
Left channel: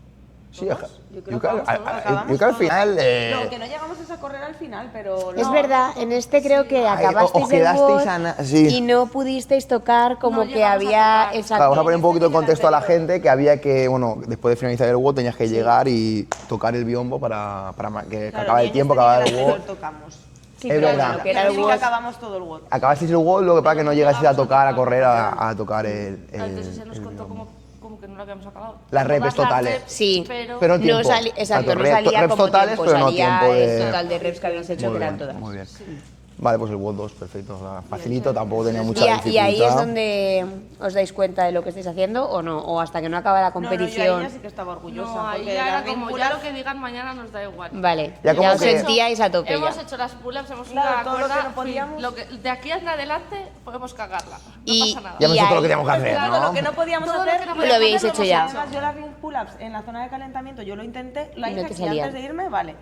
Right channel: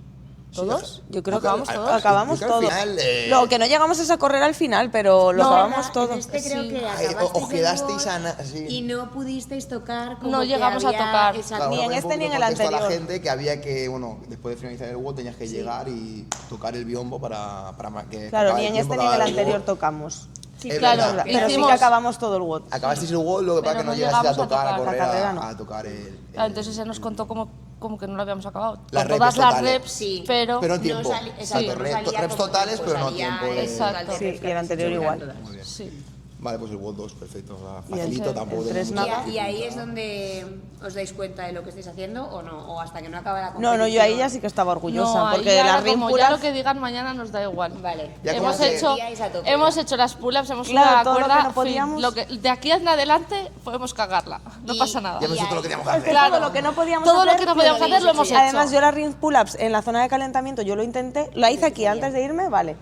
¿Todos? Yo creo que ¿Acabamos todos? acabamos Yo creo que todos. al final, Lo que no llegamos es a correr al final, pero lo Es acabamos verdad, todos. en este creo que Ay, acabasteis os quedasteis el a WOD sí. y no pudisteis tocar como No que llegamos a había... tocar. Exacto. Claro, vamos a Ni poner en un este poquito ni de en el contexto a la anterior. gente que había que, bueno, después de finalizar el WOD tenías que llegar y tocar el biombo para que Claro, acabe ni el en tiempo, este ni en acabar el el anterior WOD. tocamos. Sí, Es claro, verdad. porque Pero sí Hicimos- que acabamos todo el WOD. Acabasteis el WOD, lo que pasa es que Pero no no llegasteis a llegamos a tocar, a tocar, correr, a tocar, a tocar el... Entonces se nos contó como que no lo habíamos acabado. Las Todas repes las totales. reps, Sí. pero... Pero en tiempo. Exacto, no Reps salía reps como totales, tiempo, pero no salía tiempo de... el total de Sí, reps que el habéis hecho anterior eran igual. todas. Muy bien. Sí. Vale, pues el WOD 2, perfecto. O sea, facilito, tampoco tenía el mucha Y, dificultad. y ahí es donde os dais cuenta de lo que estáis haciendo o no, o hasta que no acaba la No, competición. no, yo ahí ya sí que estaba orgullosa, No, ahí porque ya las era ring como, ya lo pull-ups... que digan mañana nos da igual. Vale, Ya como os que- sentíais a tope. Hemos ya. hecho las pull-ups, hemos subido Claro, la todo lo que cuerda, no podíamos. de aquí en adelante podemos cagarla, no Y- pasa nada. Ya hemos Y hecho todo lo ahí- que teníamos que hacer, Claro, ¿no? Lo que no podíamos Todo hacer, lo que no lo podíamos habéis hacer lo hecho hemos ya. Además, yo las ring pull-ups en la zona de calentamiento, yo lo intenté, la hice aquí salía. antes de irme, vale.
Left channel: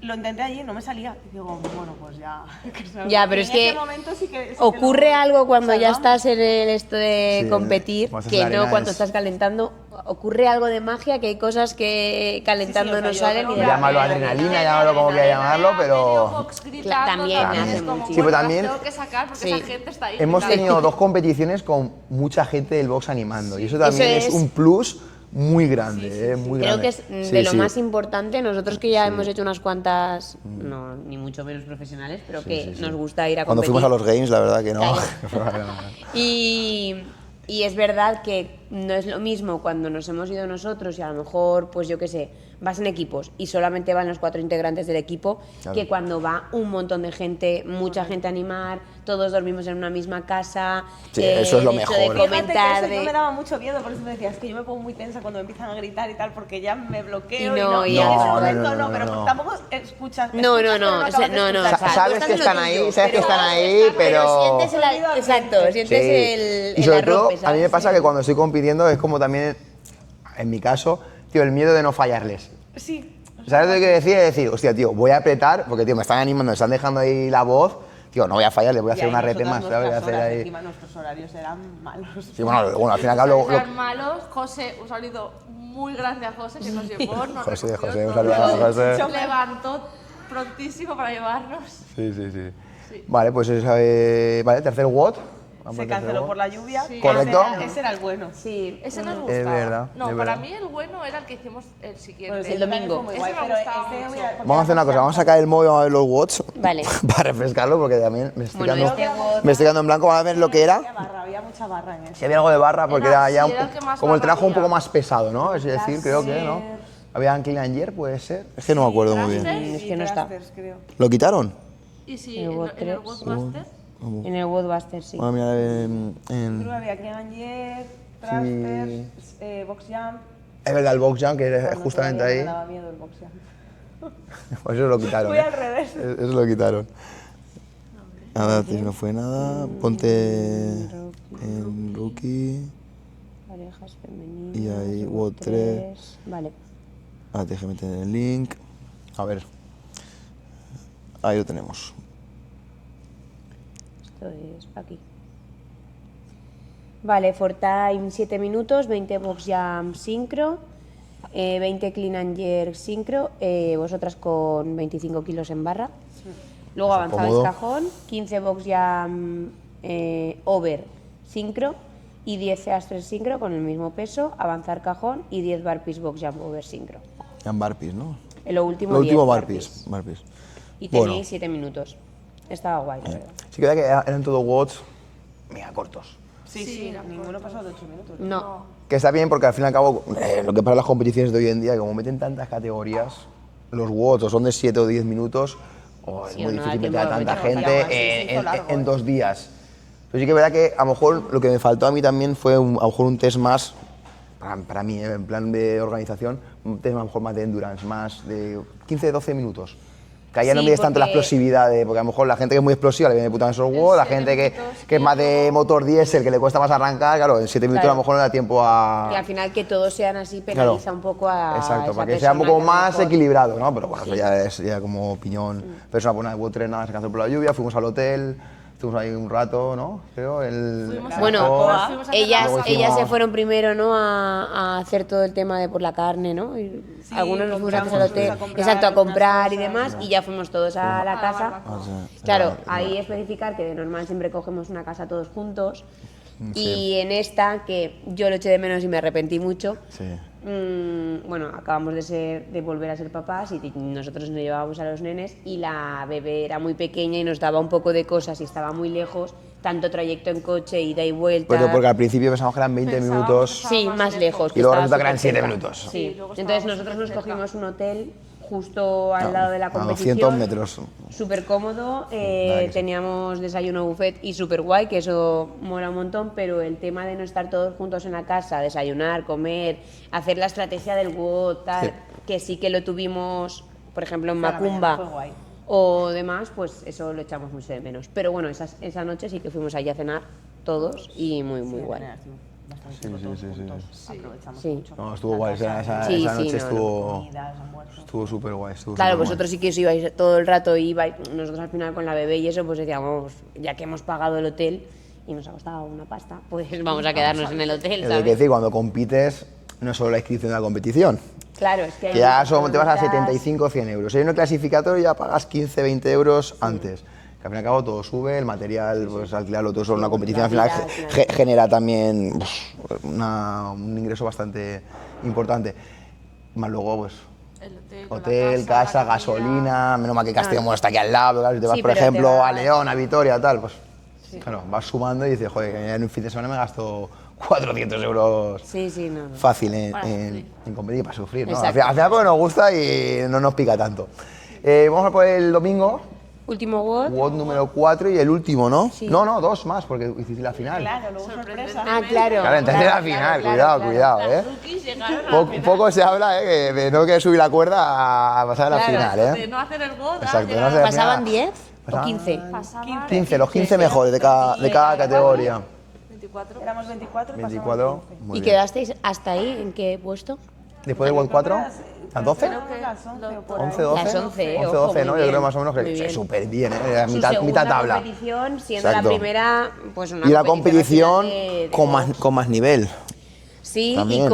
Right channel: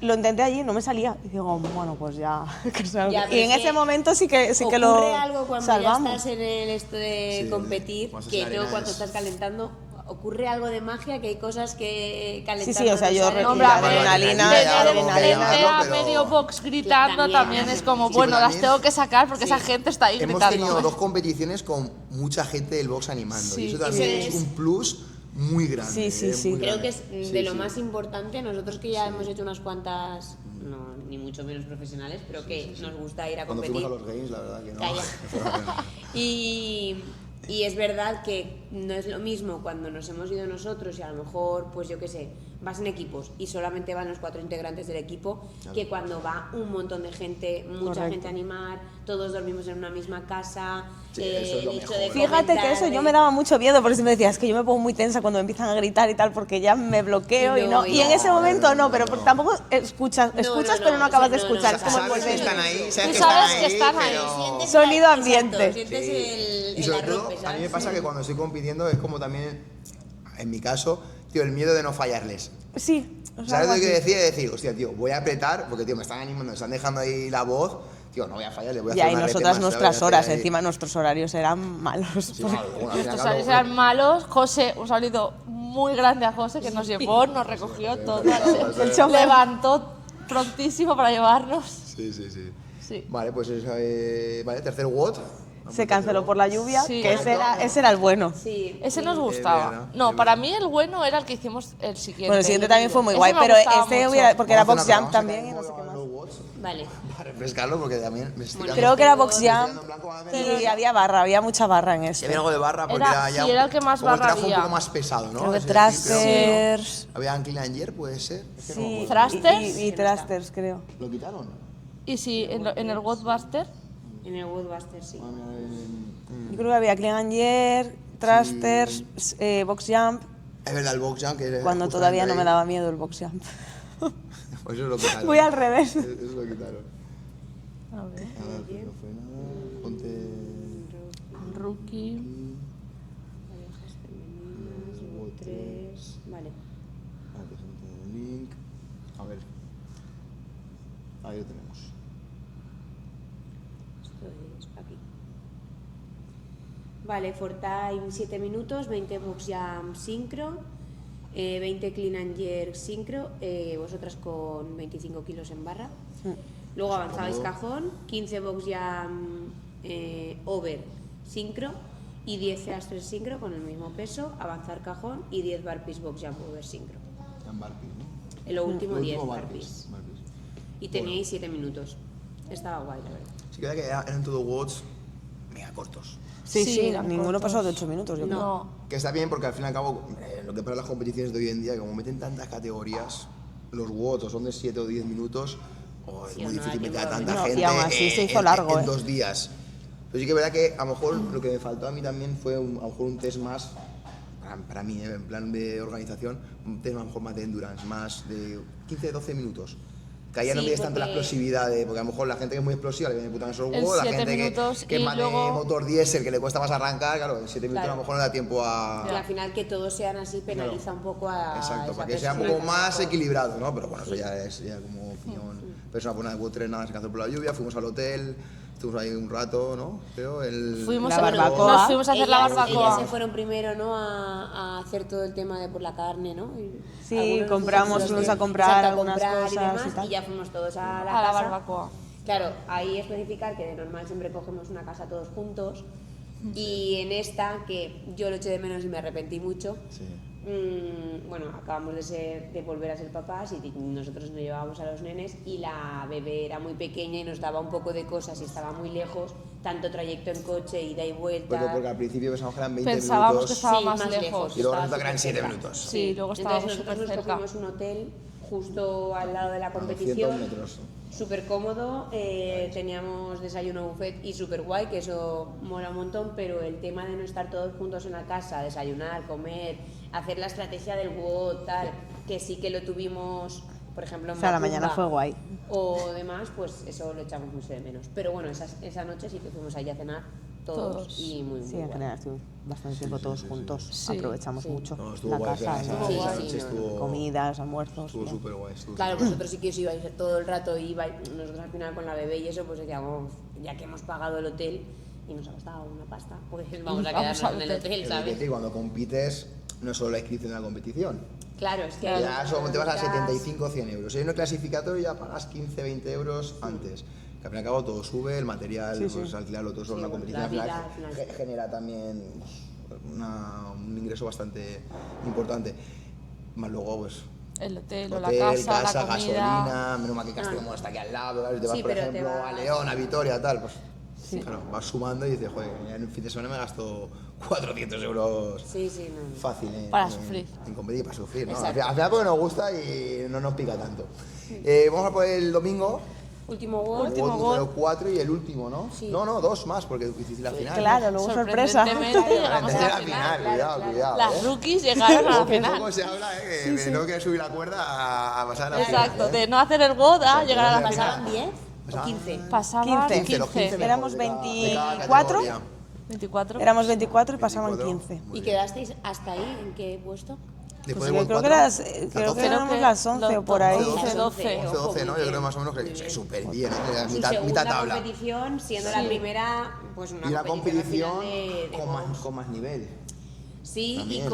Lo intenté allí, no me salía. Y digo, bueno, pues ya. que sea- Ya, pero y es en que ese momento sí que lo ocurre algo cuando ya salvamos. estás en esto de Sí, competir, cuando estás en que la no arena cuando es- estás calentando. Ocurre algo de magia, que hay cosas que calentando o sea, no yo salen. creo y que ya- Llámalo adrenalina, adrenalina, llámalo como quieras llamarlo, ha medio pero... box gritando También, también, también. es como, Sí, bueno, pero las también- tengo que sacar porque Sí. esa gente está ahí Hemos gritando. tenido 2 competiciones con mucha gente del box animando y eso Eso también es es- un plus muy grande. Sí, sí, sí. muy Creo grande. que es Sí, de lo sí. más importante. Nosotros que ya hemos hecho unas cuantas, no, ni mucho menos profesionales, pero que nos gusta ir a Cuando competir. fuimos a los games, la verdad que no. Claro. Y es verdad que no es lo mismo cuando nos hemos ido nosotros y a lo mejor, pues yo qué sé, vas en equipos y solamente van los 4 integrantes del equipo, Claro. que cuando va un montón de gente, mucha gente a animar, todos dormimos en una misma casa. Sí, eso es lo el hecho mejor. de Fíjate Fíjate que comentar, eso de- yo me daba mucho miedo, por eso me decía, es que yo me pongo muy tensa cuando me empiezan a gritar y tal, porque ya me bloqueo Y y, no, no. y Y en no, ese no, momento no, no, no, pero no. porque tampoco escuchas, No, escuchas, no, pero no no, acabas de no, no, escuchar. o sea, Sabes están que están ahí, sonidos. sabes que están Sabes que ahí, están ahí, pero... sientes Sonido exacto, ambiente. sientes el Y sobre arrope, todo, a mí ¿sabes? me pasa que cuando estoy compitiendo es como también, en mi caso, tío, el miedo de no fallarles. Sí. o sea, ¿Sabes lo que quiero decir? Es decir, hostia, tío, voy a apretar, porque, tío, me están animando, me están dejando ahí la voz, tío, no voy a fallar, le voy a y hacer ahí una rep nosotras más. ¿sabes? nuestras Voy a hacer horas, ahí- encima nuestros horarios eran malos. Sí, bueno, al fin y al Los cabo... horarios eran malos. José, un saludo muy grande a José que nos llevó, nos José, recogió José, un todo. saludo a José. Chofer. Levantó prontísimo para llevarnos. Sí, sí, sí. Sí. Vale, pues vale, tercer WOD. Vamos Se al tercer canceló WOD. por la lluvia. Sí. Correcto. Ese era el bueno. Sí. Ese nos Es gustaba. verdad, No, es para verdad. mí el bueno era el que hicimos el siguiente. Bueno, el siguiente también fue muy Ese guay, me pero gustaba este mucho. hubiera... Porque Vamos a era hacer una cosa, box vamos a jump sacar el también. móvil, vamos a ver los WODs Vale. para refrescarlo, porque también me estoy Bueno, quedando... Creo que era box Me jump. estoy quedando en blanco, vamos a ver lo que era. Había barra, había mucha barra en eso. Si había algo de barra, porque Era- era ya sí, era el que más como el barra trabajo un había. poco más pesado, ¿no? Creo Es que decir, creo que thrusters. no. Había Clean and Jerk, puede ser. Es que no me acuerdo muy bien. Thrusters. Y que no está. thrusters, creo. ¿Lo quitaron? Y sí, en el Godbuster. Godbuster. En el Woodbuster, sí. Vamos a mirar Creo que había Clean and Jerk, thrusters, box jump, Es verdad, el box jump, que era cuando justamente todavía no ahí. me daba miedo el box jump. Pues eso lo quitaron. Voy al revés. Eso lo quitaron. Nada, tío, no fue nada. Ponte en rookie. Parejas femeninas. Y ahí, WOD 3. Vale. Ahora te dejo meter el link. A ver. Ahí lo tenemos. Esto es aquí. Vale, for time 7 minutos, 20 box jump sincro, 20 clean and jerk sincro, vosotras con 25 kilos en barra. Luego avanzabais cómodo. cajón, 15 box jump over sincro y 10 thrusters sincro con el mismo peso, avanzar cajón y 10 burpees box jump over sincro. En barpees, ¿no? En lo último, Lo 10 último burpees. barpees. Y Bueno. tenéis 7 minutos. Estaba guay, la verdad. Sí que verdad que eran todos WODs mega cortos. Sí, Sí, sí, eran ninguno pasó de 8 minutos. yo creo. No. Que está bien porque al fin y al cabo, lo que para las competiciones de hoy en día, que como meten tantas categorías, los WODs o son de 7 o 10 minutos, o es Sí, muy o no da difícil tiempo meter a de tanta meter. gente Y aún así se hizo largo, en 2 días. Pero sí que es verdad que a lo mejor lo que me faltó a mí también fue a lo mejor un test más, para mí, en plan de organización, un test a lo mejor más de endurance, más de 15-12 minutos. Que ahí ya no Sí, mides tanto la porque- explosividad, porque a lo mejor la gente que es muy explosiva le viene de puta en esos WODs, la 7 gente minutos que es y más de luego- motor diésel, que le cuesta más arrancar, claro, en 7 minutos Claro. a lo mejor no da tiempo a... Y al final que todos sean así Claro. penaliza un poco a Exacto, esa para que sea un persona poco que a lo más mejor- equilibrado, ¿no? Pero bueno, eso ya es ya como opinión personal. Pues nada, hubo 3 nada, se canceló por la lluvia, fuimos al hotel, estuvimos ahí un rato, ¿no? Creo, Fuimos la a- Bueno, barbacoa. nos fuimos a hacer la ellas barbacoa. se fueron primero, ¿no? A hacer todo el tema de por la carne, ¿no? Y Sí, algunos nos compramos, fuimos al fuimos hotel, a comprar exacto, a unas comprar y cosas y demás, tal. y ya fuimos todos a la A la casa. barbacoa. Claro, ahí especificar que de normal siempre cogemos una casa todos juntos. Y en esta, que yo lo eché de menos y me arrepentí mucho, Sí. bueno, acabamos de volver a ser papás y nosotros nos llevábamos a los nenes y la bebé era muy pequeña y nos daba un poco de cosas y estaba muy lejos, tanto trayecto en coche, ida y vuelta. Pero porque al principio pensamos que eran 20 Pensábamos minutos que estaba Sí, más más lejos. lejos. y luego estaba resulta que eran súper 7 cerca. minutos. Sí, luego Entonces estábamos nosotros nos supercerca. cogimos un hotel justo al lado de la A competición. 200 metros. Súper cómodo, que sí. teníamos desayuno buffet y súper guay, que eso mola un montón, pero el tema de no estar todos juntos en la casa, desayunar, comer, hacer la estrategia del WOD, tal, Sí. que sí que lo tuvimos, por ejemplo, en O sea, la mañana Macumba fue guay. o demás, pues eso lo echamos mucho de menos. Pero bueno, esa noche sí que fuimos allí a cenar todos y muy, muy Sí, en guay. general, estuvimos bastante tiempo todos juntos. Sí. Aprovechamos Sí. mucho. No, estuvo la guay, casa, esa Sí, esa sí, noche no, no. estuvo comidas, almuerzos. estuvo súper guay. Claro, vosotros sí que os ibais todo el rato, nosotros al final con la bebé y eso, pues decíamos, ya que hemos pagado el hotel y nos ha costado una pasta, pues vamos a quedarnos en el hotel, Hay que ¿sabes? decir, cuando compites, no es solo la inscripción de la competición, Claro, es que hay que ya muchas solo te vas a preguntas. 75 o 100 euros. Si hay un clasificatorio ya pagas 15, 20 euros antes. Que al fin y al cabo todo sube, el material, pues alquilarlo todo sobre una competición, al final al final. genera también un ingreso bastante importante. Más luego, pues, El hotel, o hotel, la casa, la comida. gasolina, menos mal que Castellón está aquí al lado, claro, si te vas, Sí, por pero te ejemplo, a vas- León, a Vitoria, tal, pues, claro, vas sumando y dices, joder, que en un fin de semana me gasto 400 euros Sí, sí, no. fácil Para sufrir. en competir, para sufrir, ¿no? Al Exacto. final, al final porque nos gusta y no nos pica tanto. Vamos a por el domingo, Último WOD. WOD número 4 y el último, ¿no? Sí. No, 2 más, porque hiciste la final. Claro, luego sorpresa. Ah, claro. Claro, entonces la final, cuidado, Las rookies llegaron a la Poco, final. poco se habla, de no que subir la cuerda a pasar a la final, Exacto, de no hacer el WOD a Exacto, llegar no a la hacer- final. ¿Pasaban 10 o Pasaban- 15? Pasaban 15, los 15 éramos mejores de cada 24. categoría. 24. Éramos 24 y pasaban 24. 15. Muy ¿Y bien. quedasteis hasta ahí? ¿En qué puesto? Después del Creo WOD que 4, las- las creo que 12, éramos las 11 o por 11, ahí. 12, Las 11, 11, 12, ¿no? muy Yo creo bien, más o menos muy que bien. súper bien, Su mitad segunda tabla. competición, siendo Exacto. la primera, pues una Y la competición competición así de con más nivel. Sí, También.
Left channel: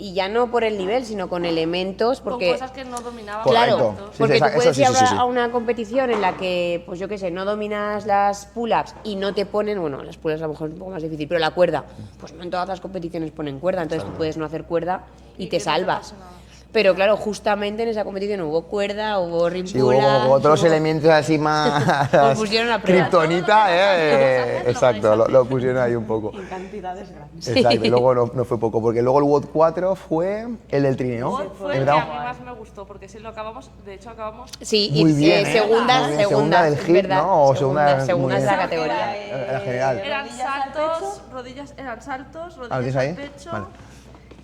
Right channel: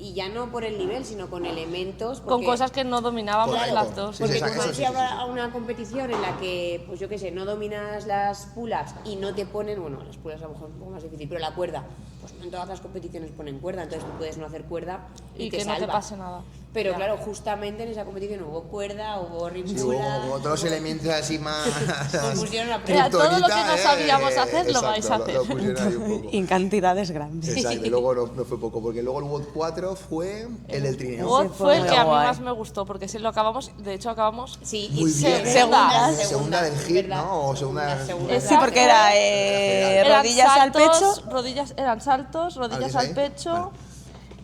y ya no por el nivel, sino con elementos, Con porque cosas que no dominábamos. Correcto. Exacto. Sí, porque sí, tú eso puedes sí, ir sí, sí, sí. a una competición en la que, pues yo qué sé, no dominas las pull-ups y no te ponen, bueno, las pull-ups a lo mejor es un poco más difícil, pero la cuerda, pues no en todas las competiciones ponen cuerda, entonces tú puedes no hacer cuerda y te que no salva. pase nada. Pero claro, justamente en esa competición hubo cuerda, hubo rim Sí, hubo como otros elementos así más. Os pusieron a prueba. Todo lo que no sabíamos hacer, lo vais Exacto, a hacer. lo pusieron ahí un poco. Y en cantidades grandes. Exacto, y luego no fue poco, porque luego el WOD 4 fue el del trineo. WOD fue el que Era a mí guay. más me gustó, porque si lo acabamos, de hecho acabamos Sí, Muy y bien, ¿eh? segunda, Muy bien, segunda del hit, ¿verdad? ¿no? O segunda segunda muy es bien. la Sí, porque era categoría. Eran rodillas al saltos, pecho. rodillas, eran saltos, rodillas ¿tienes al ahí? pecho,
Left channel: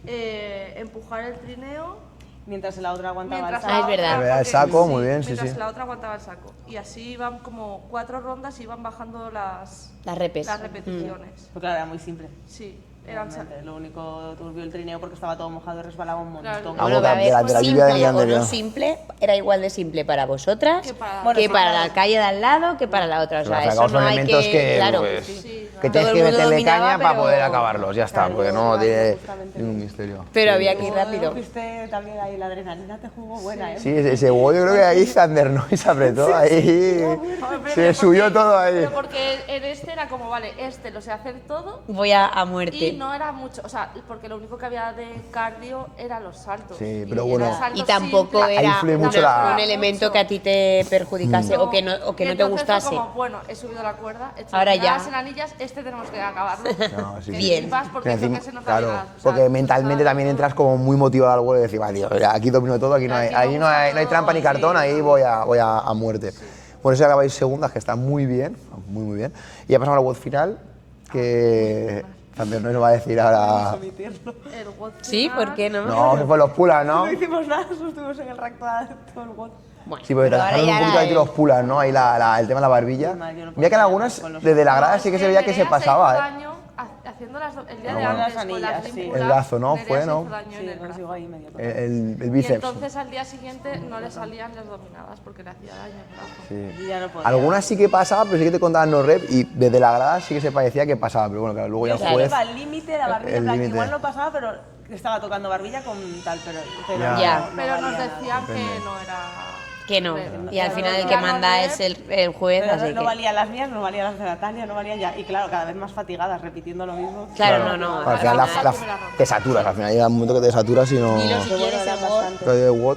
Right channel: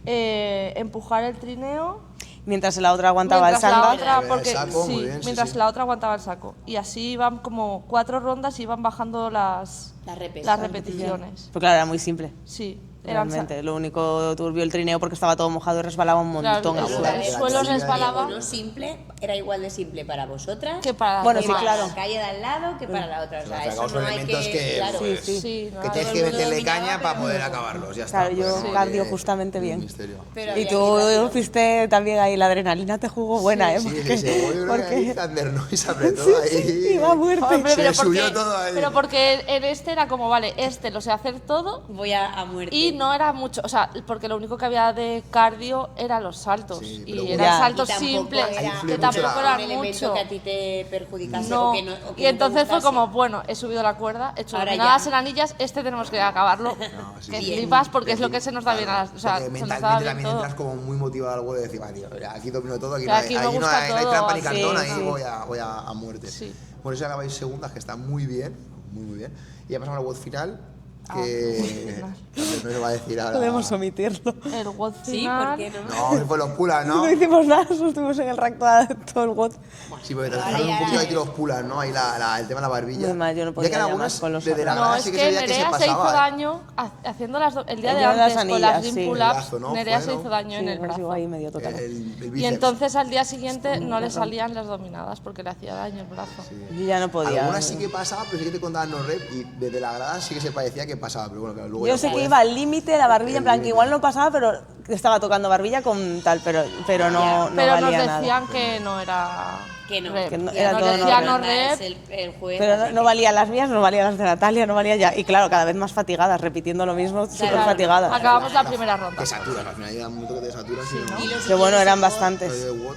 Vale. empujar el trineo. Mientras la otra aguantaba el mientras la sándwich. otra- El porque- saco, muy bien, sí, mientras sí. la otra aguantaba el saco. Y así iban como 4 rondas y iban bajando las repes. las repeticiones. Pues claro, era muy simple. Sí, eran Realmente, lo único turbio el trineo porque estaba todo mojado y resbalaba un montón. Claro, Bueno, Bueno, a ver, de la pues sí, lluvia de para Leandro. lo simple era igual de simple para vosotras Que para- Bueno, que sí, para claro. la calle de al lado que para la otra. O sea, Pero eso sacamos no hay elementos que, claro, pues, Sí, que no. tienes Todo el que mundo meterle dominaba, caña para pero- poder acabarlos, ya está, Claro, porque yo no la dio tiene justamente ningún bien. misterio. pero había que ir Tú rápido. fuiste también ahí, la adrenalina te jugó buena, ¿eh? Sí, ese WOD yo creo que ahí Thunder Noise se apretó ahí. iba a muerte. Hombre, Se pero subió porque- todo ahí. Pero porque en este era como, vale, este lo sé hacer todo Voy a muerte. y no era mucho, o sea, porque lo único que había de cardio eran los saltos. Sí, y pero eran bueno. Y saltos tampoco simples. era, influye tampoco mucho la- era un mucho. elemento que a ti te perjudicase No, o que no, o y que no te entonces gustase. fue como, bueno, he subido la cuerda, he hecho Ahora determinadas ya. anillas, este tenemos que acabarlo. No, sí, que sí. flipas porque Pero es lo encima, que se nos da bien a claro, las, o sea, porque se nos da mentalmente bien también todo. entras como muy motivado al vuelo y decir, vale, tío, aquí domino todo, aquí no hay, Aquí me ahí no gusta hay, no hay todo, trampa ni sí, cartón, ahí sí. voy a muerte. Por eso acabáis segundas, que está muy bien, muy bien. Y ya pasamos a la WOD final, que también nos va a decir Podemos ahora... omitirlo. El WOD Sí, final, ¿por qué no? No, se fue los pulas, ¿no? No hicimos nada, solo estuvimos en el rack todo el WOD. Sí, porque pero ahora trabajaron un ya poquito era aquí los pulas, ¿no? Ahí el tema de la barbilla. Es más, yo no Ya podía que en algunas, llamar con los desde la grada No, sí que es se veía que se Nerea pasaba, hizo ¿eh? daño haciendo el día El de día de las antes con las anillas, sí. rim El pull-ups, brazo, ¿no? Nerea Fue, se ¿no? hizo daño en Sí, el nos brazo. llegó ahí medio total. El Y bíceps. entonces al día siguiente no le salían las dominadas porque le hacía daño el brazo. Yo ya no podía. Algunas sí que pasaba, pero sí que te contaban los reps y desde la grada sí que se parecía que pasaba, pero bueno, claro, luego Yo ya sé que juez... iba al límite de la barbilla, el en plan, que límite. igual no pasaba, pero que estaba tocando barbilla con tal, pero no, Ya, no Pero nos valía decían nada. que no era... Que no, rep. Que no- y al era final el todo que no manda rep. es el juez, Pero así no que- valían las mías, no valían las de Natalia, no valía ya. Y claro, cada vez más fatigadas, repitiendo lo mismo, súper no, no, fatigadas. no, Acabamos la primera ronda. Te saturas, al final llega un momento que te saturas y no... Pero bueno, eran bastantes. Pero de WOD,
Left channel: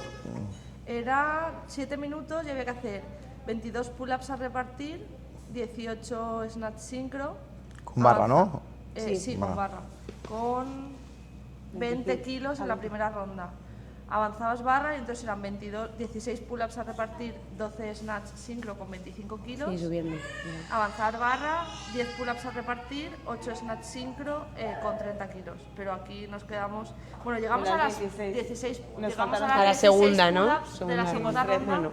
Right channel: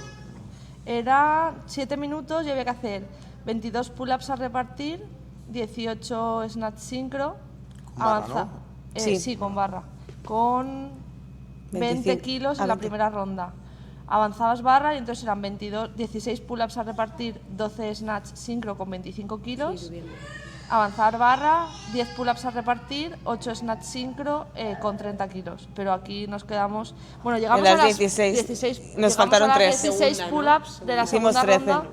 Era 7 minutos y había que hacer 22 pull-ups a repartir, 18 snatch sincro. Con barra, avanza- ¿no? Sí, con barra. Con 20 kilos en la 20. primera ronda. Avanzabas barra y entonces eran 16 pull-ups a repartir, 12 snatch sincro con 25 kilos. Sí, subiendo. Avanzar barra, 10 pull-ups a repartir, 8 snatch sincro con 30 kilos. Pero aquí nos quedamos... Bueno, llegamos En las a las 16. Nos llegamos faltaron a las 3. 16 Segunda, ¿no? pull-ups de la Hicimos segunda 13. ronda,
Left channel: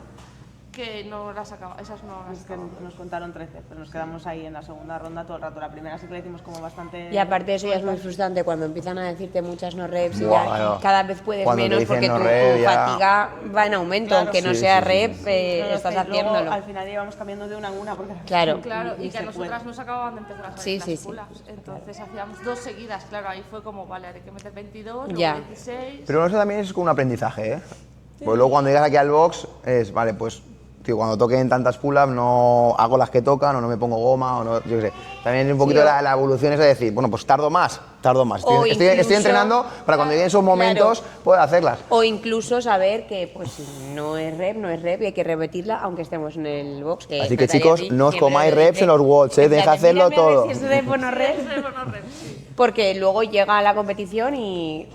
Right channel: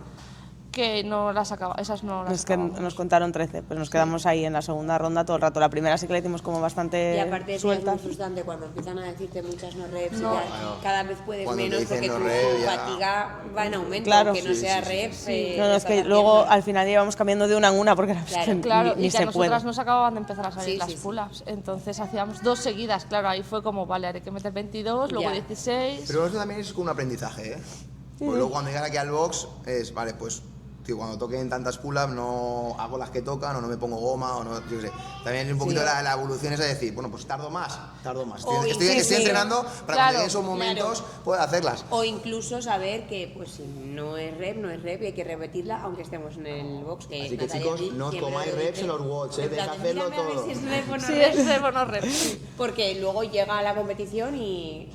que no las acabamos. Esas no las Es que acabamos. nos contaron 13, pues nos quedamos ahí en la segunda ronda todo el rato. La primera sí que la hicimos como bastante... Y aparte de eso ya es muy frustrante cuando empiezan a decirte muchas no reps y Buah, ya claro. cada vez puedes Cuando te menos dicen porque no tu rep, ya. fatiga va en aumento, Claro. aunque no Sí, sea sí, sí, reps, sí. No, no, es estás que luego haciéndolo. al final íbamos cambiando de una en una porque era Claro. Claro, ni y que a se puede. nosotras nos acababan de empezar a salir Sí, las sí, sí. pull-ups. Entonces hacíamos 2 seguidas, claro, ahí fue como, vale, hay que meter 22, luego Ya. 16... Pero eso también es como un aprendizaje, ¿eh? Pues luego cuando llegas aquí al box es, vale, pues, tío, cuando toquen tantas pull-ups no hago las que tocan o no me pongo goma o no, yo qué sé. También es un poquito Sí. la evolución es de decir, bueno, pues tardo más. O Estoy incluso- entrenando para cuando claro, lleguen esos momentos claro. poder hacerlas. O incluso saber que pues si no es rep y hay que repetirla aunque estemos en el box. Que Así que, Natalia chicos, sí no os siempre comáis lo dice. reps en los watts, En tenéis que plan, hacerlo mírame a ver todo. si es rep o no Sí, rep. es de buenos reps, sí. Porque luego llega la competición y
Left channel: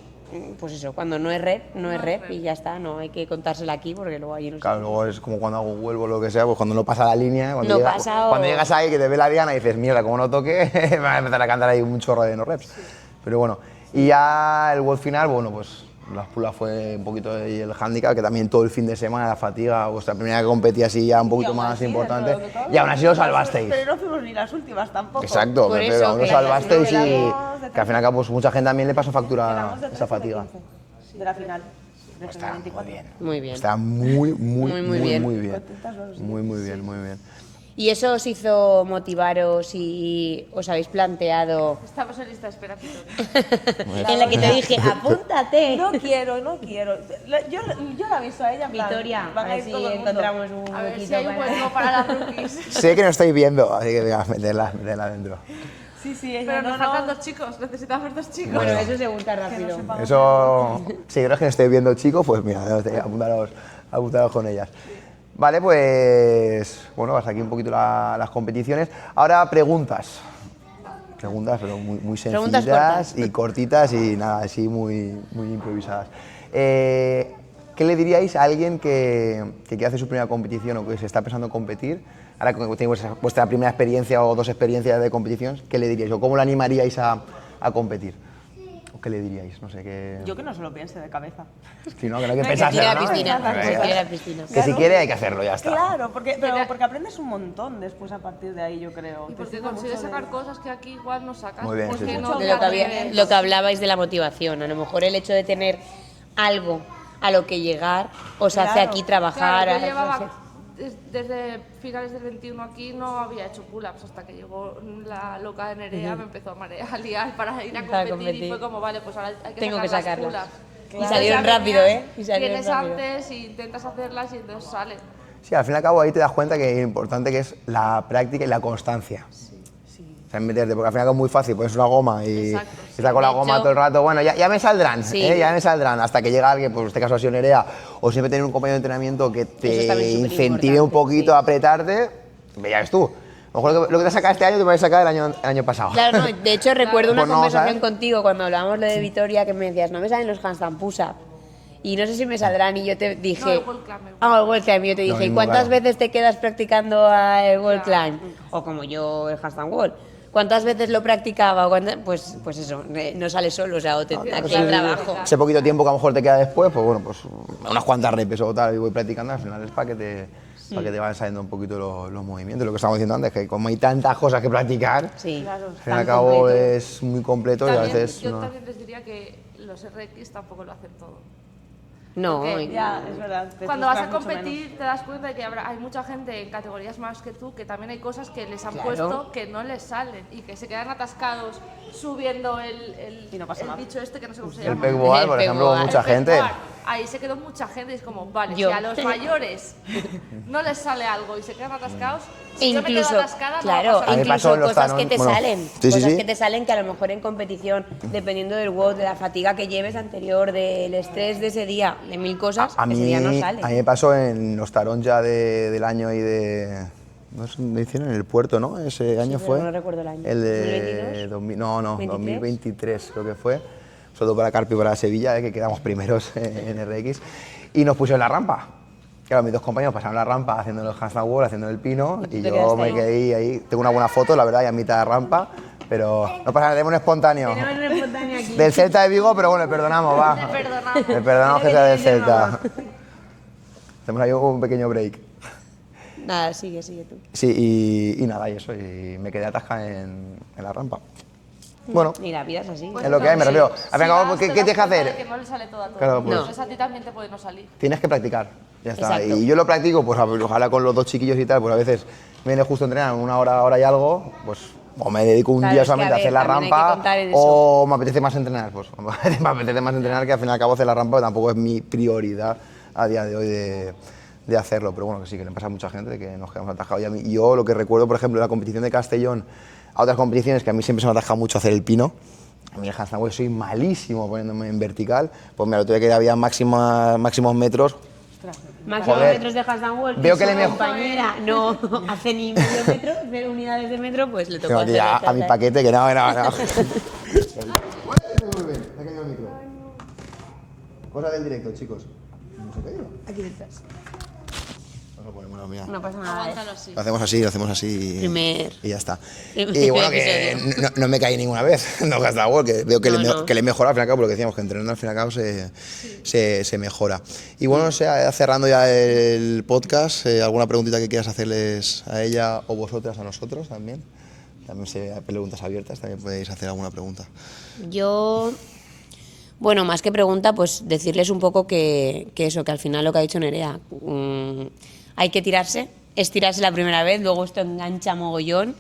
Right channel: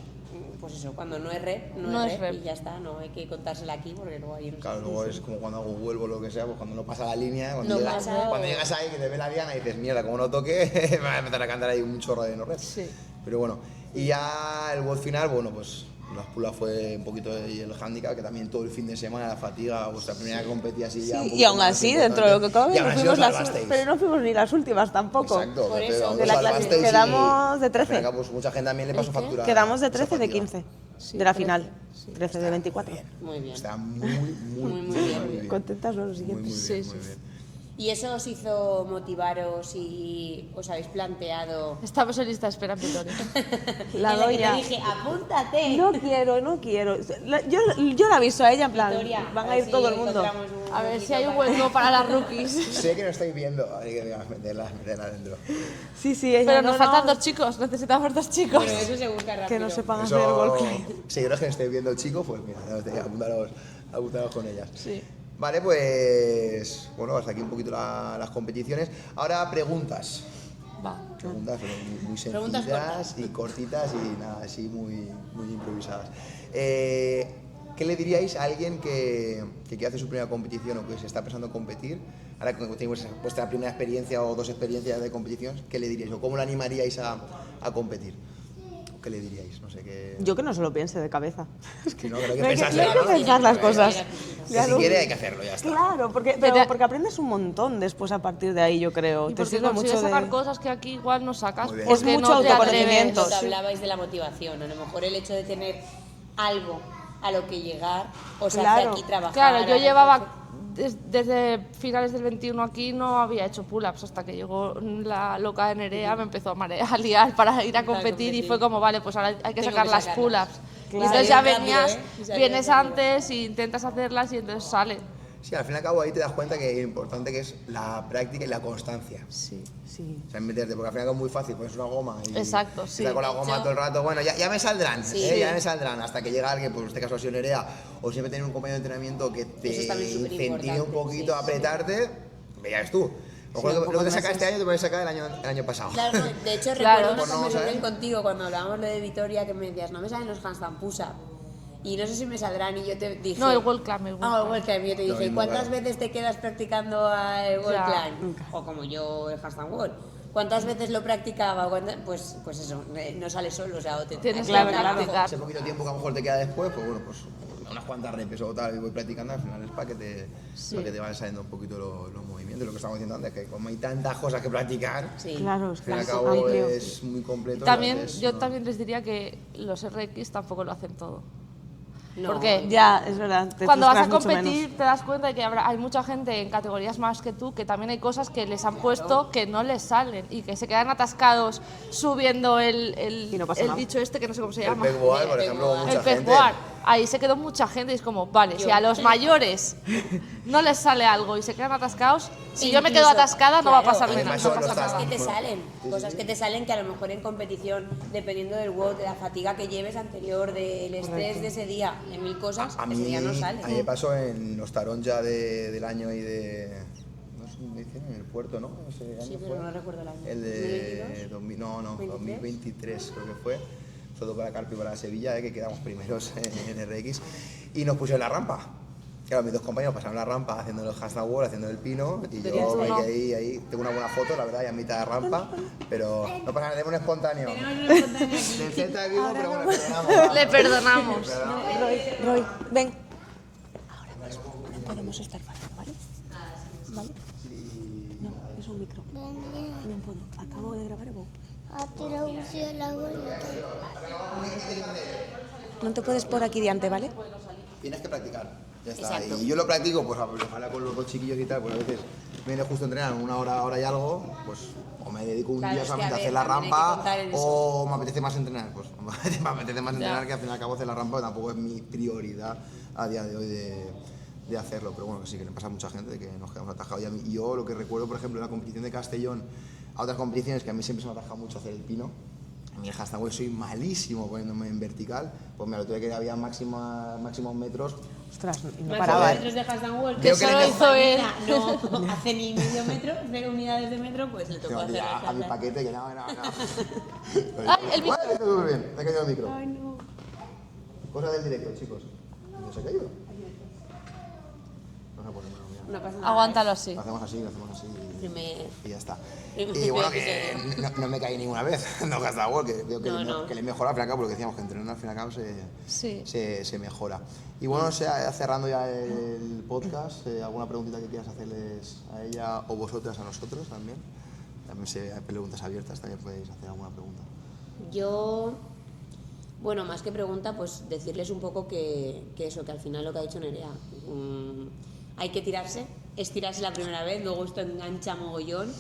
pues eso, cuando no es rep, no es rep y ya está, no hay que contársela aquí porque luego ahí no se Claro, luego es como cuando hago un vuelvo o lo que sea, pues cuando no pasa la línea, cuando, No pasa o- cuando llegas ahí que te ve la diana y dices, mierda, como no toque, me va a empezar a cantar ahí un chorro de no reps. Pero bueno, y ya el WOD final, bueno, pues las pulas fue un poquito ahí el handicap, que también todo el fin de semana, la fatiga, vuestra primera que competí así ya un Y poquito aún más así, importante. dentro de lo que cabe... Y aún así fuimos os salvasteis. Pero no fuimos ni las últimas tampoco. Exacto, Por pero eso, aún que os la salvasteis y quedamos de que al fin y al 13. cabo pues, mucha gente también le pasó factura. Quedamos de esa 13 de fatiga. 15, de la final. 13 de 24. Muy bien. Está muy, muy, Muy bien. muy bien. Contentas los dos. Muy, muy bien, muy bien. ¿Y eso os hizo motivaros y os habéis planteado Estamos en lista de espera en Vitoria. en la que te dije, apúntate? No quiero, no quiero. Yo le aviso a ella en plan, Victoria, van a ir ver todo si el mundo. encontramos un A ver huequito si hay un para- hueco para las rookies. Sé que no estáis viendo, así que venga, meterla dentro. Sí, sí, ella Pero no, nos faltan no, 2 chicos, necesitamos 2 chicos. Bueno, eso se busca que rápido. no sepan hacer Eso, el seguidores que no estéis viendo, chicos, pues mira, apuntaros con ellas. Vale, pues bueno, hasta aquí un poquito las competiciones. Ahora preguntas. Preguntas, pero muy Preguntas sencillas y cortitas y nada, así muy improvisadas. ¿Qué le diríais a alguien que hace su primera competición o que se está pensando en competir? Ahora que tenéis vuestra primera experiencia o 2 experiencias de competición, ¿qué le diríais? ¿O cómo le animaríais a competir? ¿O qué le diríais? No sé qué... Yo que no se lo piense de cabeza. Es que no, que no hay que No hay que pensarse, tirar ¿no? piscinas las cosas. Tirar piscinas. Que si quiere hay que hacerlo, ya está. Claro, porque aprendes un montón después a partir de ahí, yo creo. Y Te porque sirve consigues mucho sacar de... cosas que aquí igual no sacas. Muy bien, porque sí. Es no mucho te autoconocimiento. atreves. Lo que hablabais de la motivación, a lo mejor el hecho de tener algo a lo que llegar os hace Claro. aquí trabajar. Claro, yo a llevaba reflexionar. desde finales del 21 aquí no había hecho pull-ups hasta que llegó la loca de Nerea, me empezó a liar para ir a competir y fue como, vale, pues ahora hay que Tengo sacar que las sacarlas. pull-ups. Y entonces salieron ya rápido, venías, ¿eh? Y salieron vienes rápido. antes y intentas hacerlas y entonces sale. Sí, al fin y al cabo ahí te das cuenta que es importante que es la práctica y la constancia. Sí. O sea, meterte, porque al fin y al cabo es muy fácil, pones una goma y Exacto, sí, estás con la de goma hecho- todo el rato. Bueno, ya me saldrán, Sí. ya me saldrán, hasta que llega alguien, pues en este caso ha sido Nerea, o siempre tener un compañero de entrenamiento que Eso es te también incentive un superimportante, poquito sí. a apretarte, ya ves tú. A lo mejor lo que te has sacado este año te puedes sacar el año pasado. Claro, no, de hecho recuerdo una Pues no, conversación ¿sabes? contigo cuando hablábamos de Vitoria que me decías, no me salen los handstand push-up. Y no sé si me saldrán y yo te dije... No, el wall climb, el wall Ah, el wall climb. Y yo te Lo dije, ¿y mismo, cuántas claro. veces te quedas practicando el wall Claro. climb? O como yo el handstand wall. ¿Cuántas veces lo practicaba? Pues eso, no sale solo, o sea, o te tienes que claro, trabajo. claro. Ese poquito tiempo que a lo mejor te queda después, pues bueno, pues unas cuantas repes o tal, y voy practicando, al final es para que te vayan saliendo un poquito los movimientos. Lo que estábamos diciendo antes, que como hay tantas cosas que practicar, Sí. Claro, al fin y al cabo es muy completo y a También, veces... yo no. también les diría que los RX tampoco lo hacen todo. No, Porque Ya, es verdad. te Cuando vas a frustras mucho competir menos. te das cuenta de que hay mucha gente en categorías más que tú que también hay cosas que les han Claro. puesto que no les salen y que se quedan atascados subiendo Y no pasa el nada. bicho este que no sé cómo se El llama. pegboard, por El ejemplo, pegboard. mucha El gente... pegboard. Ahí se quedó mucha gente y es como, vale, Yo. si a los mayores no les sale algo y se quedan atascados, si yo me quedo Incluso, atascada no va a claro, pasar A mí me nada. pasó incluso en los cosas que talón, te bueno, salen, sí, cosas sí. que te salen que a lo mejor en competición, dependiendo del WOD, de la fatiga que lleves anterior, del estrés de ese día, de mil cosas, A mí, ese día no sale. a mí me pasó en los tarón ya del año y de... ¿No es donde hicieron? En el puerto, ¿no? Ese año pero fue. no recuerdo el año. El de... 2022, no, 23. 2023 creo que fue. sobre todo para Carpi y para Sevilla, que quedamos primeros en RX, y nos pusieron la rampa. Claro, mis dos compañeros pasaron la rampa haciendo el handstand wall, haciendo el pino, y yo me quedé ahí. Tengo una buena foto, la verdad, y a mitad de rampa, pero no pasa nada, tenemos un espontáneo. Del Celta de Vigo, pero bueno, le perdonamos, va. Le perdonamos. Le perdonamos que sea del Celta. Ven. Hacemos ahí un pequeño break. Nada, sigue. Sí, y nada, y eso, y me quedé atascada en la rampa. Bueno, Y la vida es así. es lo que hay, me refiero. Al fin y al cabo, ¿qué tienes que hacer? Que no le sale todo. No te Claro, puedes poner pues. aquí delante, ¿vale? Puede no salir. Tienes que practicar, ya está. Exacto. Y yo lo practico, pues ojalá con los dos chiquillos y tal, pues a veces me viene justo a entrenar una hora y algo, pues o me dedico un Claro, día es que, solamente a a ver, hacer la también hay que rampa, contar en eso. o me apetece más entrenar, pues me apetece más entrenar que al fin y al cabo hacer la rampa, que tampoco es mi prioridad a día de hoy de hacerlo, pero bueno, que sí, que le pasa a mucha gente de que nos quedamos atajados. Y yo lo que recuerdo, por ejemplo, de la competición de Castellón, a otras competiciones que a mí siempre se me ha atajado mucho hacer el pino. A mí el handstand wall soy malísimo poniéndome en vertical, pues mira, el otro día que había máximos metros. Ostras, Máximos Joder. metros de handstand wall. Veo que le solo mejo- compañera no hace ni medio metro, 0 unidades de metro, pues le tocó Tengo hacer aquí ya a mi paquete que no. Ah, el micro. Muy bien, me ha caído el micro. Cosa del directo, chicos. ¿No se ha caído? Aquí detrás. Vamos a ponérmelo, mira. No pasa nada. Aguántalo así. Lo hacemos así Primer- y ya está. primer Y bueno, que episodio. no me caí ninguna vez, no gasta wall, que veo que, No. que le mejora al fin y al cabo, porque decíamos que entrenando al fin y al cabo se mejora. Y bueno, no sé, cerrando ya el podcast, ¿alguna preguntita que quieras hacerles a ella o vosotras a nosotros también? También hay preguntas abiertas, también podéis hacer alguna pregunta. Yo, bueno, más que pregunta, pues decirles un poco que eso, que al final lo que ha dicho Nerea, hay que tirarse, estirarse la primera vez, luego esto engancha mogollón.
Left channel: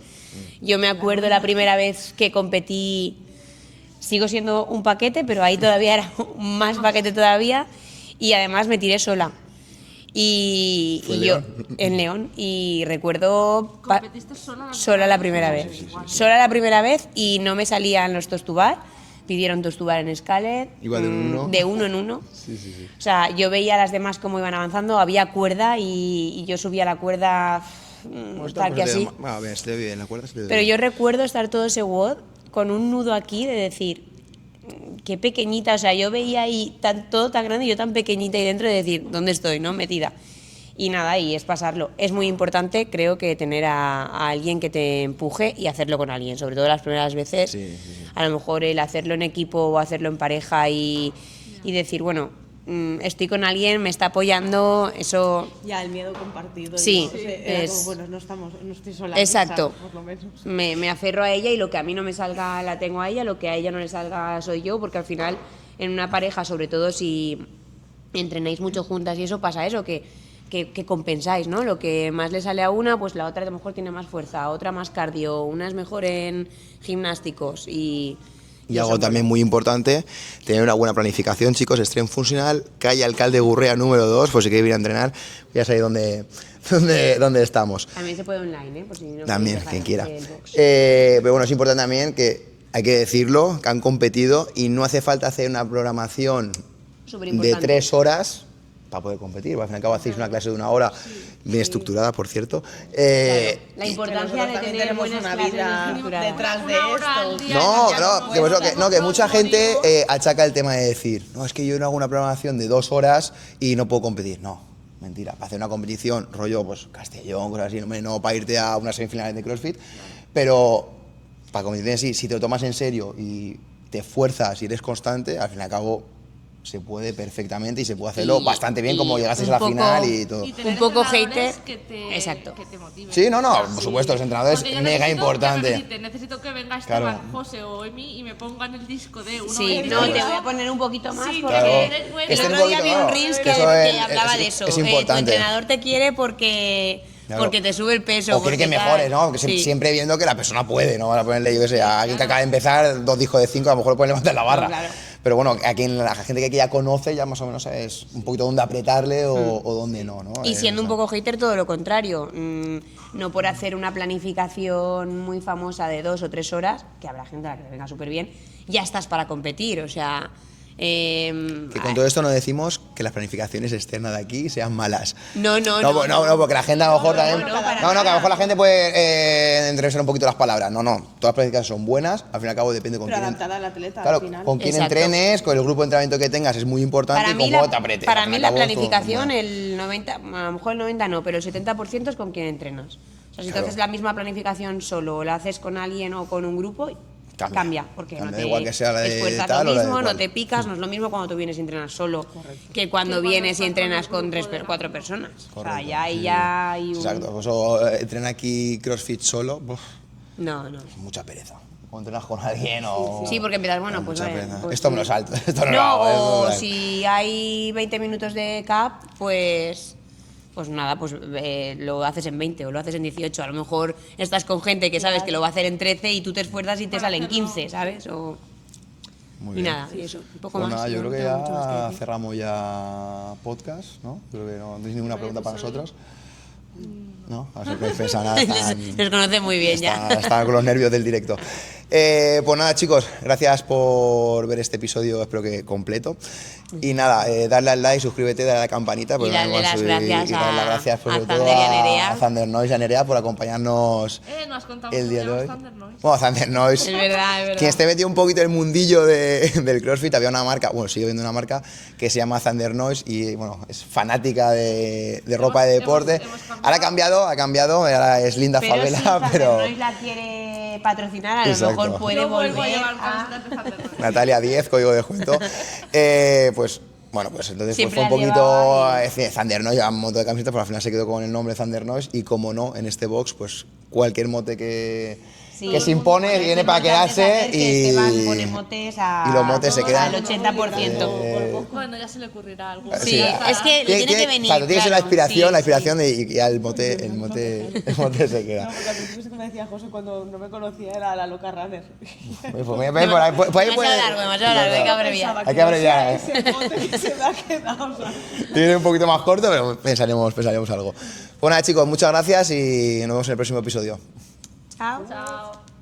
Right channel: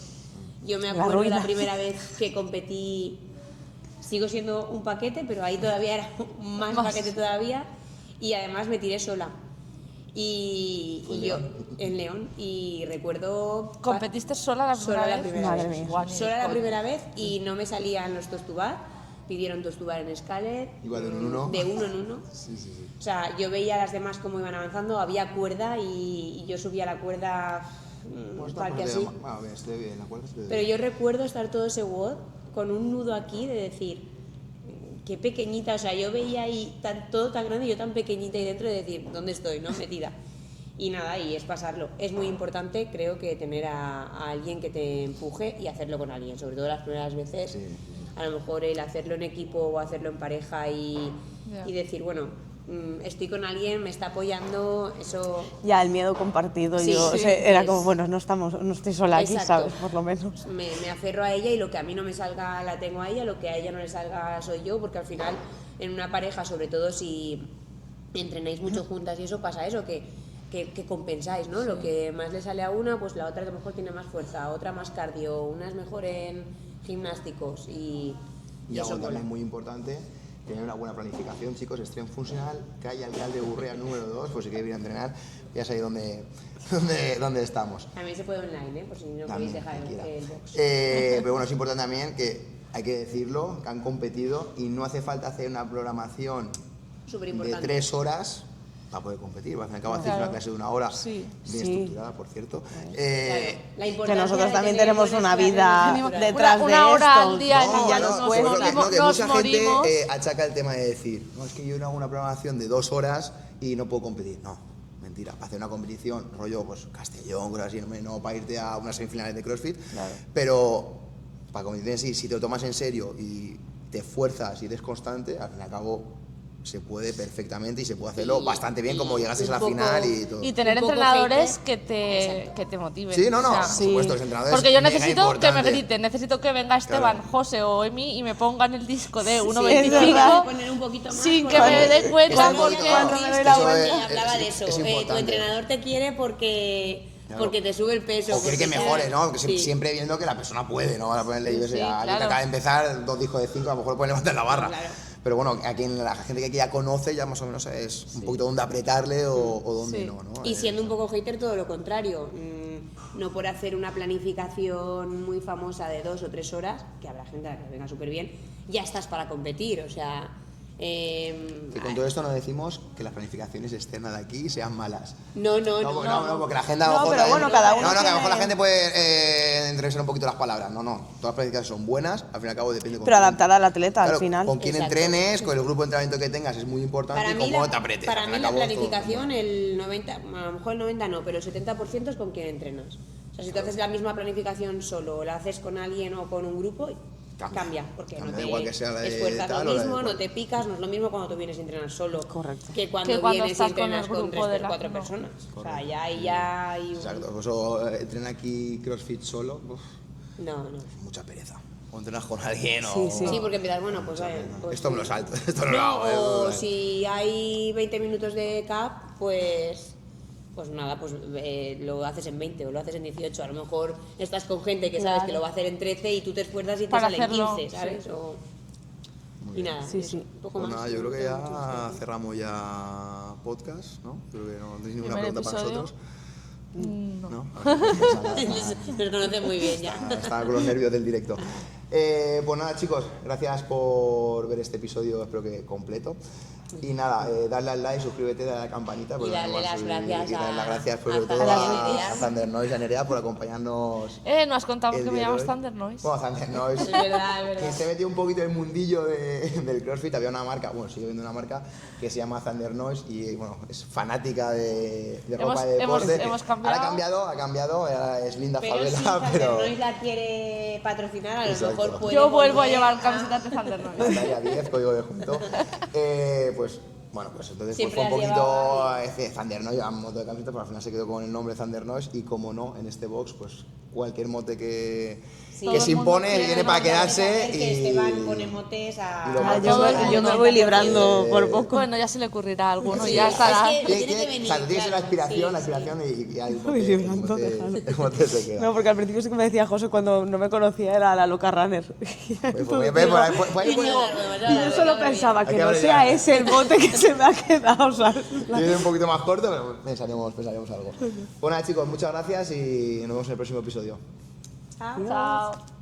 Yo me acuerdo la primera vez que competí, sigo siendo un paquete, pero ahí todavía era más paquete todavía, y además me tiré sola. Y ¿Fue en yo León? en León, y recuerdo ¿Competiste sola la primera Madre vez. mía. Sola la primera vez y no me salían los tostubar. Pidieron tostubar en Scaler. Iba de uno. De uno en uno. O sea, yo veía a las demás cómo iban avanzando, había cuerda y yo subía la cuerda tal que así. Bueno, bien, estoy bien, ¿la acuerdas? Pero yo recuerdo estar todo ese WOD con un nudo aquí de decir, qué pequeñita, o sea, yo veía ahí todo tan grande y yo tan pequeñita y dentro de decir, ¿dónde estoy, no? Metida. Y nada, y es pasarlo. Es muy importante, creo, que tener a alguien que te empuje y hacerlo con alguien, sobre todo las primeras veces. A lo mejor el hacerlo en equipo o hacerlo en pareja y decir, bueno, estoy con alguien, me está apoyando, eso... Ya, el miedo compartido. Sí, yo, sí, era es- como, bueno, no estoy sola aquí, Exacto. ¿sabes? Por lo menos. Me aferro a ella y lo que a mí no me salga la tengo a ella, lo que a ella no le salga soy yo, porque al final en una pareja, sobre todo si entrenáis mucho juntas y eso, pasa eso, que compensáis, ¿no? Lo que más le sale a una, pues la otra a lo mejor tiene más fuerza, otra más cardio, una es mejor en gimnásticos y algo también muy importante, tener una buena planificación, chicos, Strength Funcional, calle Alcalde Gurrea número 2, por si queréis ir a entrenar, ya sabéis dónde estamos. también se puede online, ¿eh? Por si no También, queréis quien dejar quiera. el box. Pero bueno, es importante también que hay que decirlo, que han competido y no hace falta hacer una programación de Superimportante. 3 horas para poder competir. Al fin y al cabo hacéis una clase de 1 hora, bien estructurada, por cierto. La Que importancia nosotros de también tener tenemos buenas una clases vida estructuradas. detrás de Una hora esto. al día. No, Ya no no, puedo, que nos mucha gente morimos. achaca el tema de decir, no, es que yo no hago una programación de 2 horas y no puedo competir. No, mentira. Para hacer una competición, rollo, pues Castellón, cosas así, no para irte a unas semifinales de CrossFit, pero para competiciones sí, si te lo tomas en serio y te esfuerzas y eres constante, al fin y al cabo se puede perfectamente y se puede hacerlo Y- bastante bien, y como llegases un a la poco- final y todo. Y tener Un poco entrenadores hater. Exacto. que te motiven. Sí, no, O sea, por supuesto, los entrenadores Porque yo mega necesito que me importante. feliciten, necesito que venga Esteban, Claro. José o Emi y me pongan el disco de 1.25. Sí, no, y debe poner un poquito más. Sí, porque que me dé cuenta. El otro día Eso vi un Reels que es- hablaba de eso. es Tu importante. entrenador te quiere porque Claro. te sube el peso. O quiere porque que tal. mejore, ¿no? Porque Sí. siempre viendo que la persona puede, ¿no? Van a ponerle, yo qué sé, a alguien que claro. acaba de empezar, 2 discos de 5, a lo mejor puede levantar la barra. Claro. Pero bueno, a quien la gente que ya conoce ya más o menos es un poquito dónde apretarle o dónde no, ¿no? Y siendo un poco hater, todo lo contrario. No por hacer una planificación muy famosa de 2 o 3 horas, que habrá gente a la que le venga súper bien, ya estás para competir. O sea, Que con todo esto no decimos que las planificaciones externas de aquí sean malas. No, Porque la gente a lo mejor pero también... bueno, cada uno que a lo mejor la gente puede entrevistar un poquito las palabras. No, todas las planificaciones son buenas, al fin y al cabo depende con Pero quién- adaptada al atleta Claro, al final. con quién Exacto. entrenes, con el grupo de entrenamiento que tengas es muy importante Para y mí, cómo te apretes. para Al fin mí y al la cabo, todo planificación, bueno. el 90, a lo mejor el 90 no, pero el 70% es con quien entrenas. O sea, si tú Claro. haces la misma planificación solo o la haces con alguien o con un grupo, cambia, porque Cambia, no te igual que sea la de esfuerzas tal lo o la de mismo, cual. no te picas, no es lo mismo cuando tú vienes a entrenar solo Correcto. que cuando Que cuando vienes y estás con entrenas el con grupo de 4 la- personas. O sea, Correcto. ya ahí ya hay un... Exacto, por eso entrena aquí CrossFit solo, No. mucha pereza. O entrenas con alguien o... Sí, porque empiezas, bueno, pues, mucha vaya, pereza. pues Esto me lo sí. salto, esto no lo No, hago. esto no lo o hago. si hay 20 minutos de CAP, pues nada, pues lo haces en 20 o lo haces en 18. A lo mejor estás con gente que sabes que lo va a hacer en 13 y tú te esfuerzas y te Para salen hacerlo, 15, ¿sabes? O, Muy y bien. nada, y eso, un poco Pues más. nada, yo creo que no tengo mucho más que ya decir. cerramos ya podcast, ¿no? Creo que no tenéis ninguna ¿Primer pregunta para episodio? nosotros. No, a ver si podéis pensar nada. Nos conoce muy bien ya. Estaba con los nervios del directo. Pues nada, chicos, gracias por ver este episodio, espero que completo. Y nada, darle al like, suscríbete, darle a la campanita. porque darle vamos a las subir- gracias y darle las a- gracias, sobre a todo Zander y a Nerea. a Zander Noise y a Nerea por acompañarnos. No has contado que el me día de llamas hoy. Thunder Noise. Bueno, Zander Noise. Es verdad, es verdad. Quien esté metido un poquito en el mundillo del CrossFit, había una marca, bueno, sigue viendo una marca que se llama Thunder Noise y bueno, es fanática de ropa de deporte. hemos cambiado. Ahora ha cambiado, ahora es Linda Pero si Favela, pero Zander la quiere patrocinar, a lo Exacto. mejor puede Yo vuelvo a volver llevar a- camisetas de Thunder Noise. Natalia 10, código de descuento. Pues bueno, pues entonces Siempre fue un la poquito llevaba Thunder Noise, llevaba un montón de camisetas, pero al final se quedó con el nombre Thunder Noise y como no, en este box, pues cualquier mote que se impone viene para quedarse y Esteban pone motes a... y los motes se al quedan. Yo me voy 80%. librando por poco. Bueno, ya se le ocurrirá a alguno. Sí, ya es estará. que tiene que venir. Claro, tiene que ser la claro, inspiración, sí, la inspiración y ya el mote, me el antoja. mote se queda. No, porque al principio sí que me decía José cuando no me conocía era la loca runner. Por ahí puede- Demasiado largo, Yo solo pensaba Hay que que no abreviar, sea ¿eh? ese el bote que se me ha quedado, ¿sabes? Tiene un poquito más corto, pero pensaremos algo. Bueno, nada, chicos, muchas gracias y nos vemos en el próximo episodio. Chao. Chao.